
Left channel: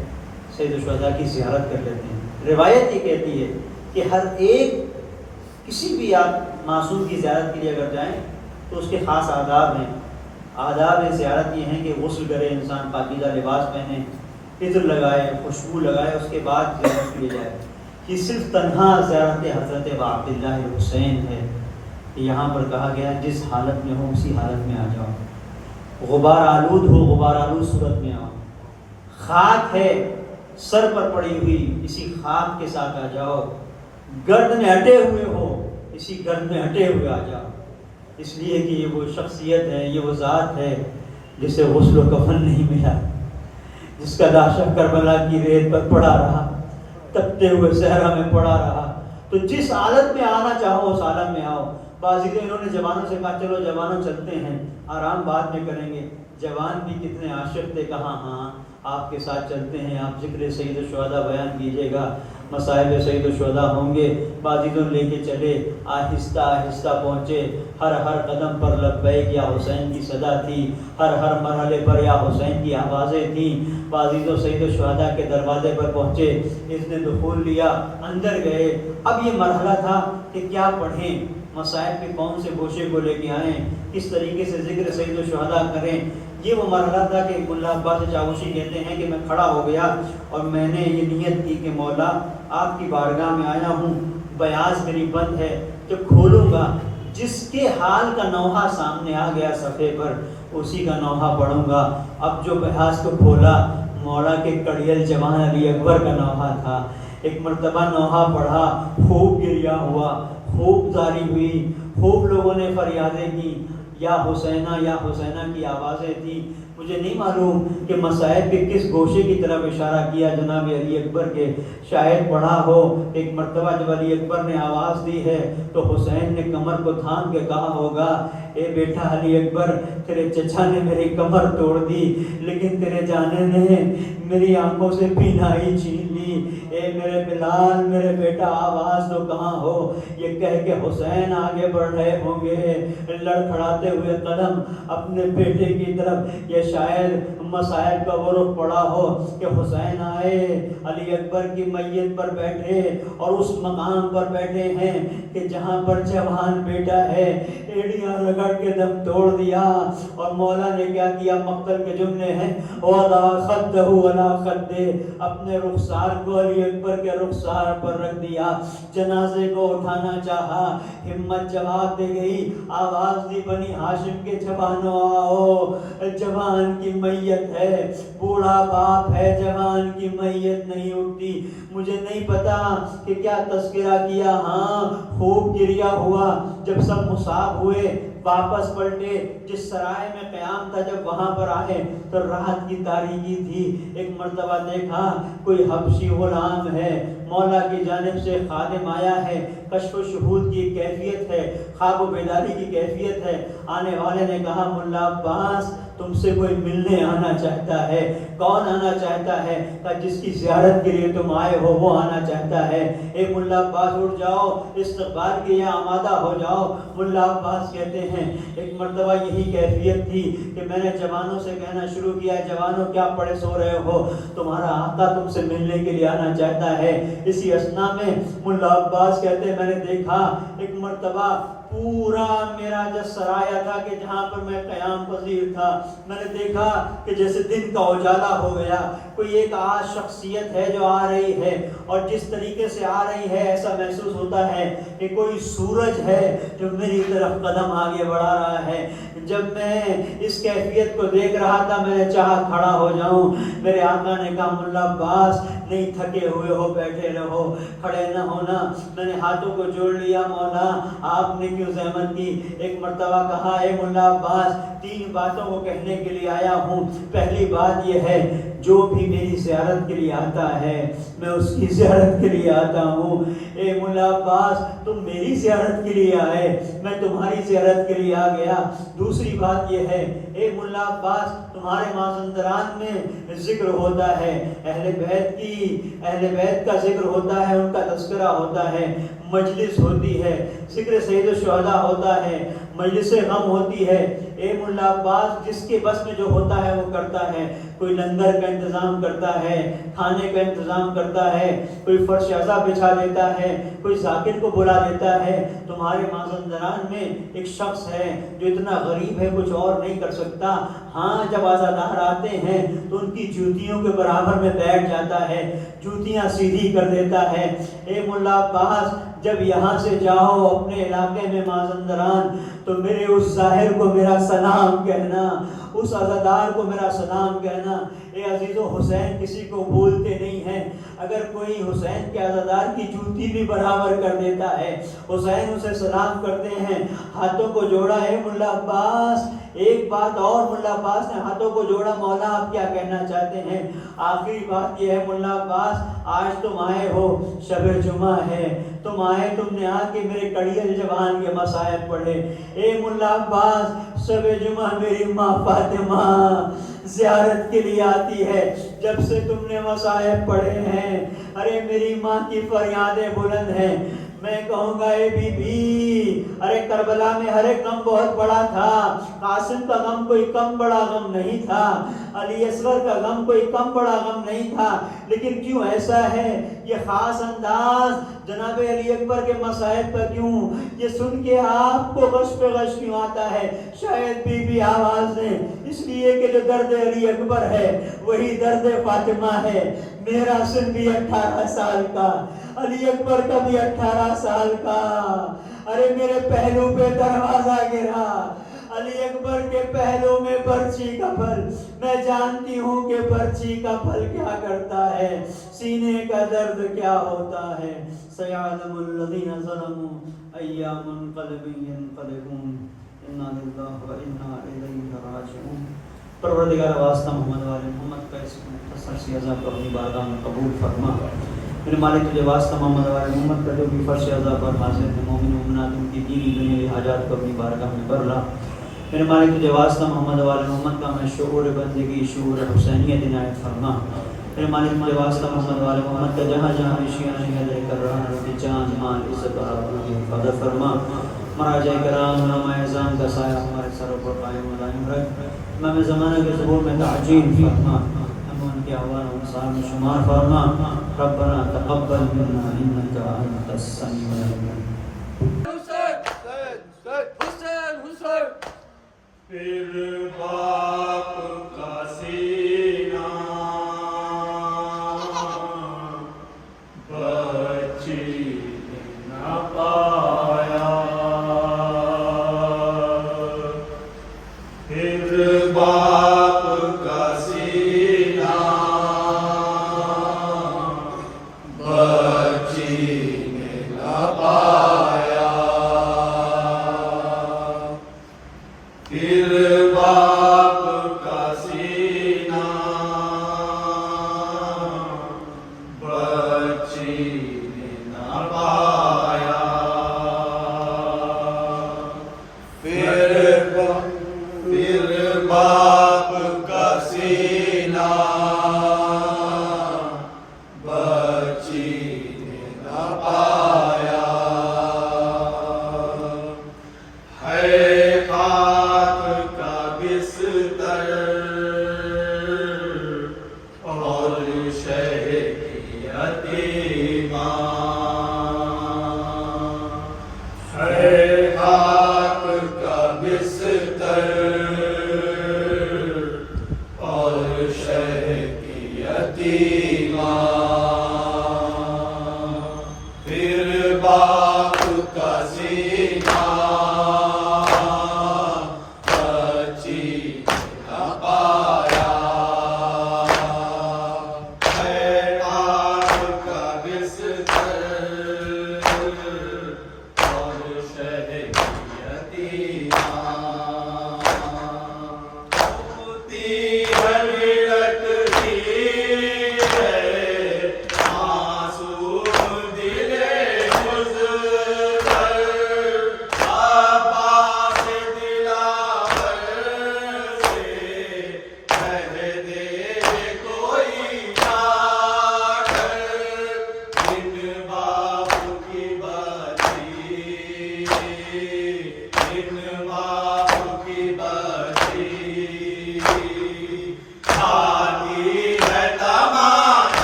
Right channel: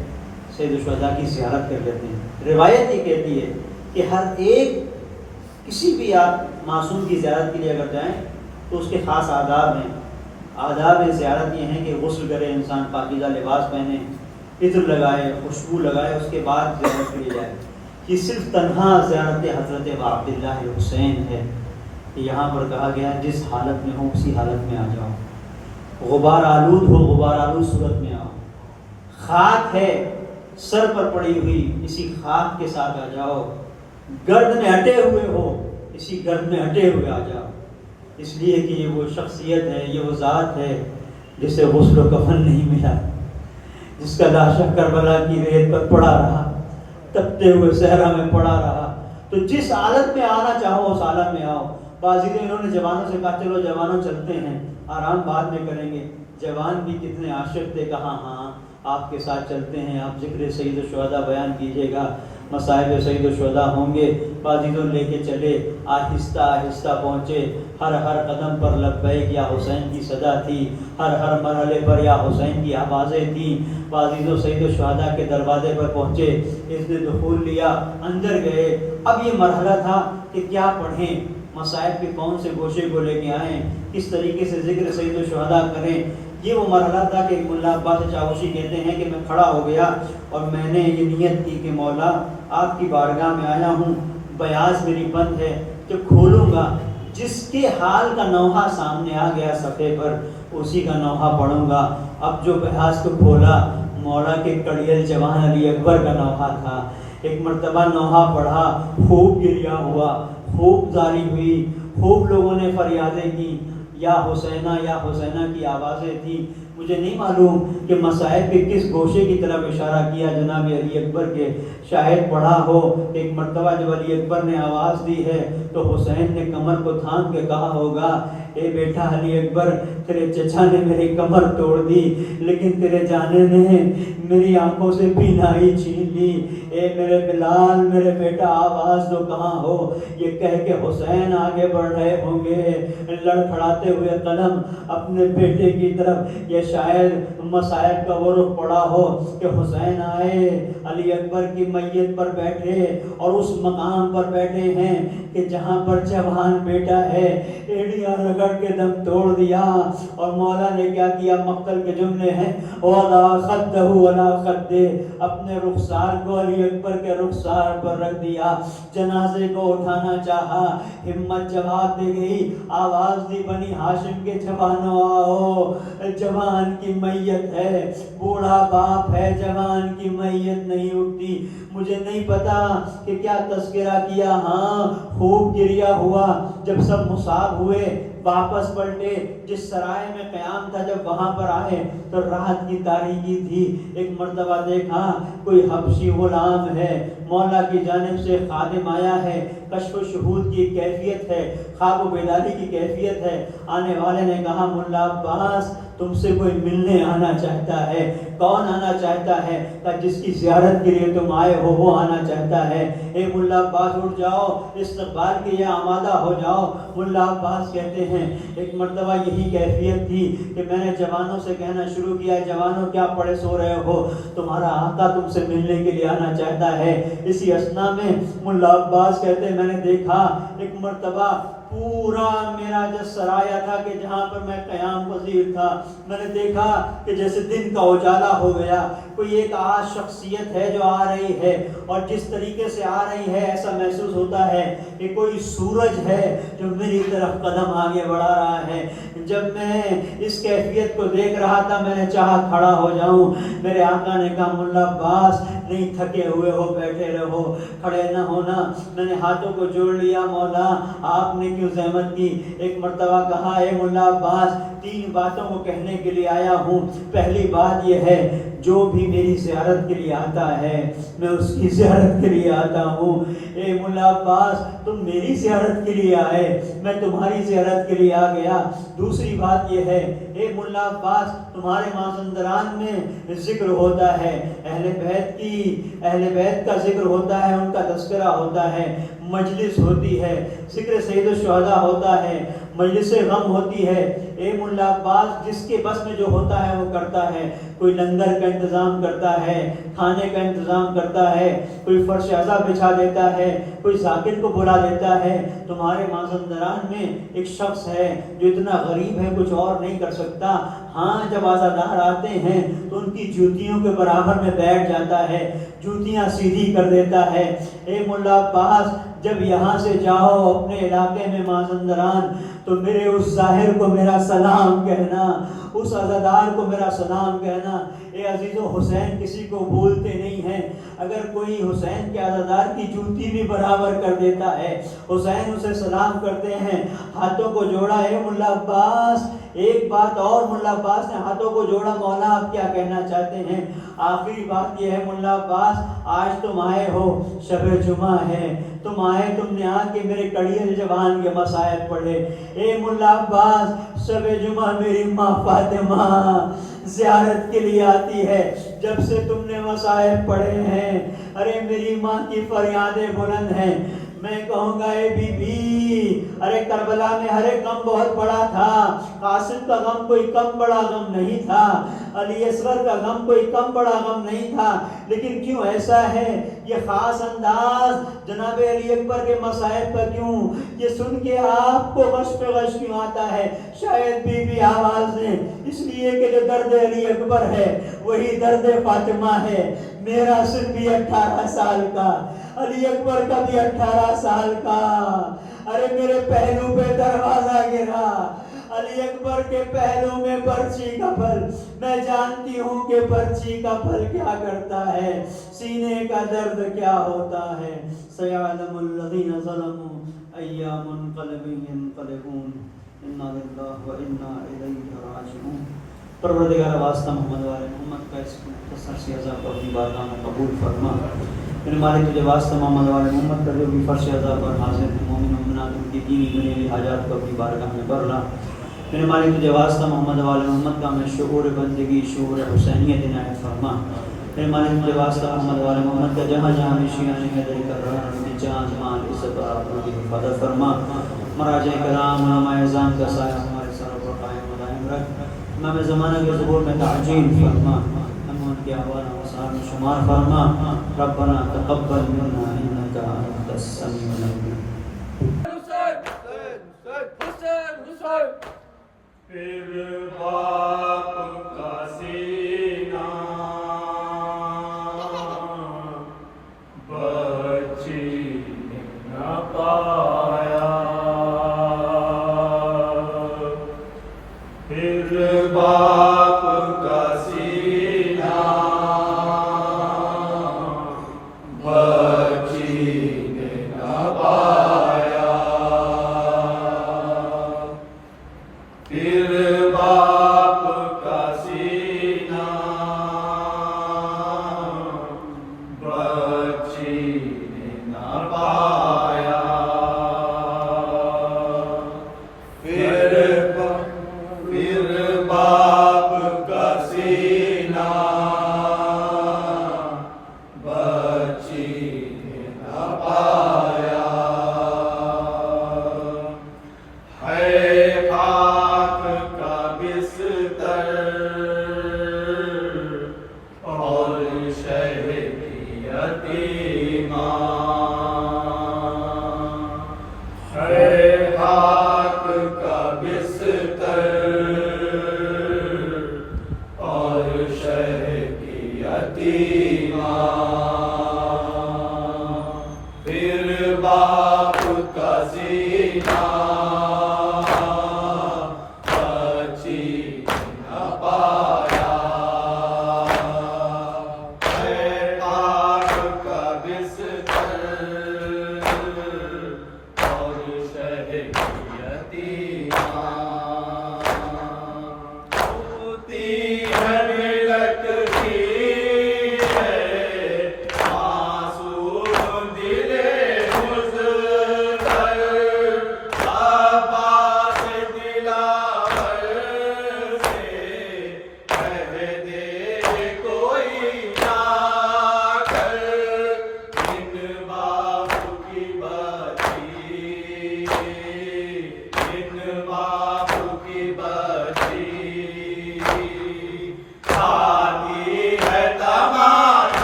سید الشہداء کی زیارت کر لیتے ہیں۔ روایت یہ کہتی ہے کہ ہر ایک کسی بھی آپ معصوم کی زیارت کے لیے اگر جائیں تو اس کے خاص آداب ہیں۔ آداب زیارت یہ ہیں کہ غسل کرے انسان، پاکیزہ لباس پہنے، عطر لگائے، خوشبو لگائے، اس کے بعد زیارت کے لیے جائے۔ یہ صرف تنہا زیارت حضرت عبداللہ حسین ہے۔ یہاں پر کہا گیا جس حالت میں ہو اسی حالت میں آ جاؤ، غبار آلود ہو غبار آلود صورت میں آؤ، خاک ہے سر پر پڑی ہوئی اسی خاک کے ساتھ آ جاؤ، گرد میں ہٹے ہوئے ہو اسی گرد میں ہٹے ہوئے آ جاؤ، اس لیے کہ یہ وہ شخصیت ہے، یہ وہ ذات ہے جسے غسل و کفن نہیں ملا، جس کا لاشا کربلا کی ریت پر پڑا رہا، تپتے ہوئے صحرا میں پڑا رہا۔ تو جس حالت میں آنا چاہو اس حالت میں آؤ۔ بازیدوں انہوں نے جوانوں سے کہا چلو جوانوں چلتے ہیں، آرام بعد میں کریں گے۔ جوان بھی کتنے عاشق تھے، کہا ہاں آپ کے ساتھ چلتے ہیں، آپ ذکر سید الشہداء بیان کیجیے گا، مصائب سید الشہداء ہوں گے۔ بازیدوں لے کے چلے، آہستہ آہستہ پہنچے، ہر ہر قدم پر لبیک یا حسین کی صدا تھی، ہر ہر مرحلے پر یا حسین کی آوازیں تھیں۔ بازیدوں سید الشہداء کے دروازے پر پہنچے، اس نے دخول لیا، اندر گئے۔ اب یہ مرحلہ تھا کہ کیا پڑھیں، مصائب کے کون سے گوشے کو لے کے آئیں، کس طریقے سے ذکر سید الشہداء کریں۔ یہ وہ مرحلہ تھا کہ ملا عباس چاوشی کہتے ہیں کہ میں کھڑا ہو گیا اور میں نے یہ نیت کی کہ مولا آپ کی بارگاہ میں آیا ہوں، بیاض میری بند ہے، جب کھولوں گا جس کے حال کا نوحہ سامنے آ گیا صفحے پر اسی کا نوحہ پڑھوں گا۔ اب جو بیاض کو کھولا مولا کے کڑیل جوان علی اکبر کا نوحہ تھا۔ ایک مرتبہ نوحہ پڑھا، خوب گریا ہوا، خوب زاری ہوئی، خوب لوگوں نے فریادیں کی، یا حسینہ یا حسینہ کی آوازیں تھیں۔ مجھے نہیں معلوم کہ مصائب کے کس گوشے کی طرف اشارہ کیا جناب علی اکبر کے، شاید پڑھا ہو ایک مرتبہ جب علی اکبر نے آواز دی ہے تو حسین نے کمر کو تھام کے کہا ہوگا اے بیٹا علی اکبر تیرے چچا نے میری کمر توڑ دی لیکن تیرے جانے نے میری آنکھوں سے بینائی چھین لی، اے میرے بلال میرے بیٹا آواز تو کہاں ہو۔ یہ کہہ کے حسین آگے بڑھ رہے ہوں گے لڑکھڑاتے ہوئے قدم اپنے بیٹے کی طرف، یہ شاید مصائب کا وہ رخ پڑا ہو کہ حسین آئے علی اکبر کی میت پر بیٹھے اور اس مقام پر بیٹھے ہیں کہ جہاں پر جوان بیٹا ہے، ایڑیاں رگڑ کے دم توڑ دیا۔ اور مولا نے کیا کیا، مقتل کے جملے ہیں وَضَعَ خَدَّهُ وَلَا خَدِّهِ، اپنے رخسار کو علی اکبر کے رخسار پر رکھ دیا، جنازے کو اٹھانا چاہا، ہمت جواب دے گئی، آواز دی بنی ہاشم کے جوانوں آؤ، جوان کی میت ہے، بوڑھا باپ ہے، جوان کی میت نہیں اٹھتی۔ مجھے نہیں پتا کہ کیا تذکرہ کیا، ہاں خوب گریا ہوا۔ جب سب مصاب ہوئے واپس پلٹے، جس سرائے میں قیام تھا جب وہاں پر آئے تو رات کی تاریکی تھی۔ ایک مرتبہ دیکھا کوئی حبشی غلام ہے، مولا کی جانب سے خادم آیا ہے، کشف و شہود کی کیفیت ہے، خواب و بیداری کی کیفیت ہے۔ آنے والے نے کہا ملا عباس تم سے کوئی ملنے آنا چاہتا ہے۔ کون آنا چاہتا ہے؟ کہ جس کی زیارت کے لیے تم آئے ہو وہ آنا چاہتا ہے۔ اے ملا عباس اٹھ جاؤ، استقبال کے لیے آمادہ ہو جاؤ۔ ملا عباس کہتے ہیں ایک مرتبہ یہی کیفیت تھی کہ میں نے جوانوں سے کہنا شروع کیا جوانوں کیا پڑے سو رہے ہو، تمہارا آقا تم سے ملنے کے لیے آنا چاہتا ہے۔ اسی اسنا میں ملا عباس کہتے ہیں میں نے دیکھا ایک مرتبہ پورا میرا جو سرایہ تھا کہ جہاں پر میں قیام پذیر تھا، میں نے دیکھا کہ جیسے دن کا اجالا ہو گیا، کوئی ایک آج شخصیت ہے جو آ رہی ہے، اور جس طریقے سے آ رہی ہے ایسا محسوس ہوتا ہے کہ کوئی سورج ہے جو میری طرف قدم آگے بڑھا رہا ہے۔ جب میں اس کیفیت کو دیکھ رہا تھا میں نے چاہا کھڑا ہو جاؤں، میرے آقا نے کہا ملا عباس نہیں تھکے ہوئے ہو، بیٹھے رہو، کھڑے نہ ہونا۔ میں نے ہاتھوں کو جوڑ لیا، مولا آپ نے کیوں زحمت کی؟ ایک مرتبہ کہا اے ملا عباس 3 باتوں کو کہنے کے لیے آیا ہوں۔ پہلی بات یہ ہے جو بھی میری زیارت کے لیے آتا ہے میں اس کی زیارت کے لیے آتا ہوں۔ اے ملا عباس تم میری زیارت کے لیے آئے، میں تمہاری زیارت کے لیے آ گیا۔ دوسری بات یہ ہے اے ملا عباس تمہارے مازندران میں ذکر ہوتا ہے، اہل بیت کا ذکر ہوتا ہے، ان کا تذکرہ ہوتا ہے، مجلس ہوتی ہے، ذکر سید الشہداء ہوتا ہے، مجلس غم ہوتی ہے۔ اے ملا عباس جس کے بس میں جو ہوتا ہے وہ کرتا ہے، کوئی لنگر کا انتظام کرتا ہے، کھانے کا انتظام کرتا ہے، کوئی فرش عزا بچھا دیتا ہے، کوئی ذاکر کو بلا دیتا ہے۔ تمہارے مازندران میں ایک شخص ہے جو اتنا غریب ہے کچھ اور نہیں کر سکتا، ہاں جب عزادار آتے ہیں تو ان کی جوتیوں کے برابر میں بیٹھ جاتا ہے، جوتیاں سیدھی کر دیتا ہے۔ اے ملا عباس جب یہاں سے جاؤ اپنے علاقے میں مازندران تو میرے اس ظاہر کو میرا سلام کہنا، اس عزادار کو میرا سلام کہنا۔ اے عزیزو حسین کسی کو بھولتے نہیں ہیں، اگر کوئی حسین کے عزادار کی جوتی بھی برابر کر دیتا ہے حسین اسے سلام کرتے ہیں۔ ہاتھوں کو جوڑا اے ملا عباس، ایک بات اور ملا عباس نے ہاتھوں کو جوڑا، مولا آپ کیا کہنا چاہتے ہیں؟ آخری بات یہ ہے ملا عباس آج تم آئے ہو، شب جمعہ ہے، تم آئے، تم نے آ کے میرے کڑیل جوان کے مصائب پڑھے۔ اے ملا عباس شب جمعہ میری ماں فاطمہ زیارت کے لیے آتی ہے، جب سے تم نے مصائب پڑھے ہیں ارے میری ماں کی فریادیں بلند ہیں۔ میں کہوں گا اے بی بی ارے کربلا میں ہر ایک غم بہت بڑا تھا، قاسم کا غم کوئی کم بڑا غم نہیں تھا، علی اصغر کا غم کوئی کم بڑا غم نہیں تھا، لیکن کیوں ایسا ہے یہ خاص انداز جناب علی اکبر کے مصائب کا کیوں یہ سن کے آپ کو غش پہ غش کیوں آتا ہے؟ شاید بی بی آواز نے اس لیے کہ جو درد علی اکبر ہے وہی درد فاطمہ ہے۔ میرا سن بھی 18 سال کا، علی اکبر کا بھی 18 سال کا، ارے میرے پہلو پہ دروازہ گرا، علی اکبر کے پہلو میں برچی کا پھل، میں جانتی ہوں کہ برچی کا پھل کیا کرتا ہے، سینے کا درد کیا ہوتا ہے۔ سیعلم الذین ظلموا ایّا منقلب ینقلبون، انا للہ و انا الیہ راجعون۔ پروردگار واسطہ محمد والے محمد کا اس مختصر سی عزا پر اپنی بارگاہ میں قبول فرما۔ میرے مالک تجھے واسطہ محمد والے محمد کا جو بھی فرش عزا پر حاضر ہیں مومن مومنات ان کی دینی دنیاوی حاجات کو اپنی بارگاہ میں کر لا۔ میرے مالک تجھے واسطہ محمد والے محمد کا میں شعور بندگی شعور حسینیت عنایت فرما۔ میرے مالک تجھے واسطہ محمد والے محمد کا جہاں جہاں شیعہ حیدری کر رہا ہے اپنی جان مال عزت اور آبرو کی حفاظت فرما۔ مراجع کرام علماء اعظام کا سایہ ہمارے سروں پر قائم و دائم رکھ۔ امام زمانہ کے ظہور میں تعجیل فرما، ہم ان کے احوال و مسار میں شمار فرما۔ ربنا تقبل منا انک انت السمیع العلیم۔ پھر باپ کا سینہ بچی نہ پایا، پھر باپ کا سینہ بچی نہ پایا، پھر باپ کا سینہ بچی نہ پایا، پھر باپ کا سینہ بچی نہ پایا، ہے خاک کا بستر اور شہر کی یتیمہ،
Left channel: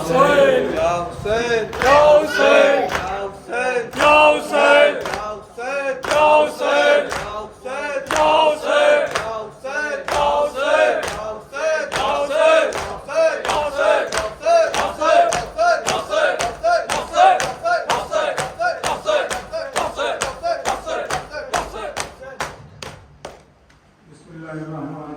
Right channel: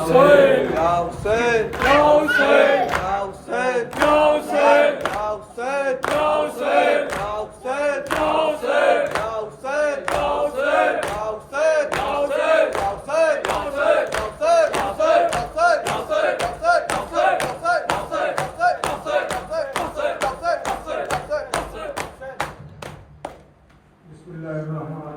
Hussein! Ya Hussein! Ya Hussein! Ya Hussein! Ya Hussein! Ya Hussein! Ya Hussein! Ya Hussein! Ya Hussein! Ya Hussein! Ya Hussein! Ya Hussein! Ya Hussein! Ya Hussein! Ya Hussein! Ya Hussein! Ya Hussein! Ya Hussein! بسم الله الرحمن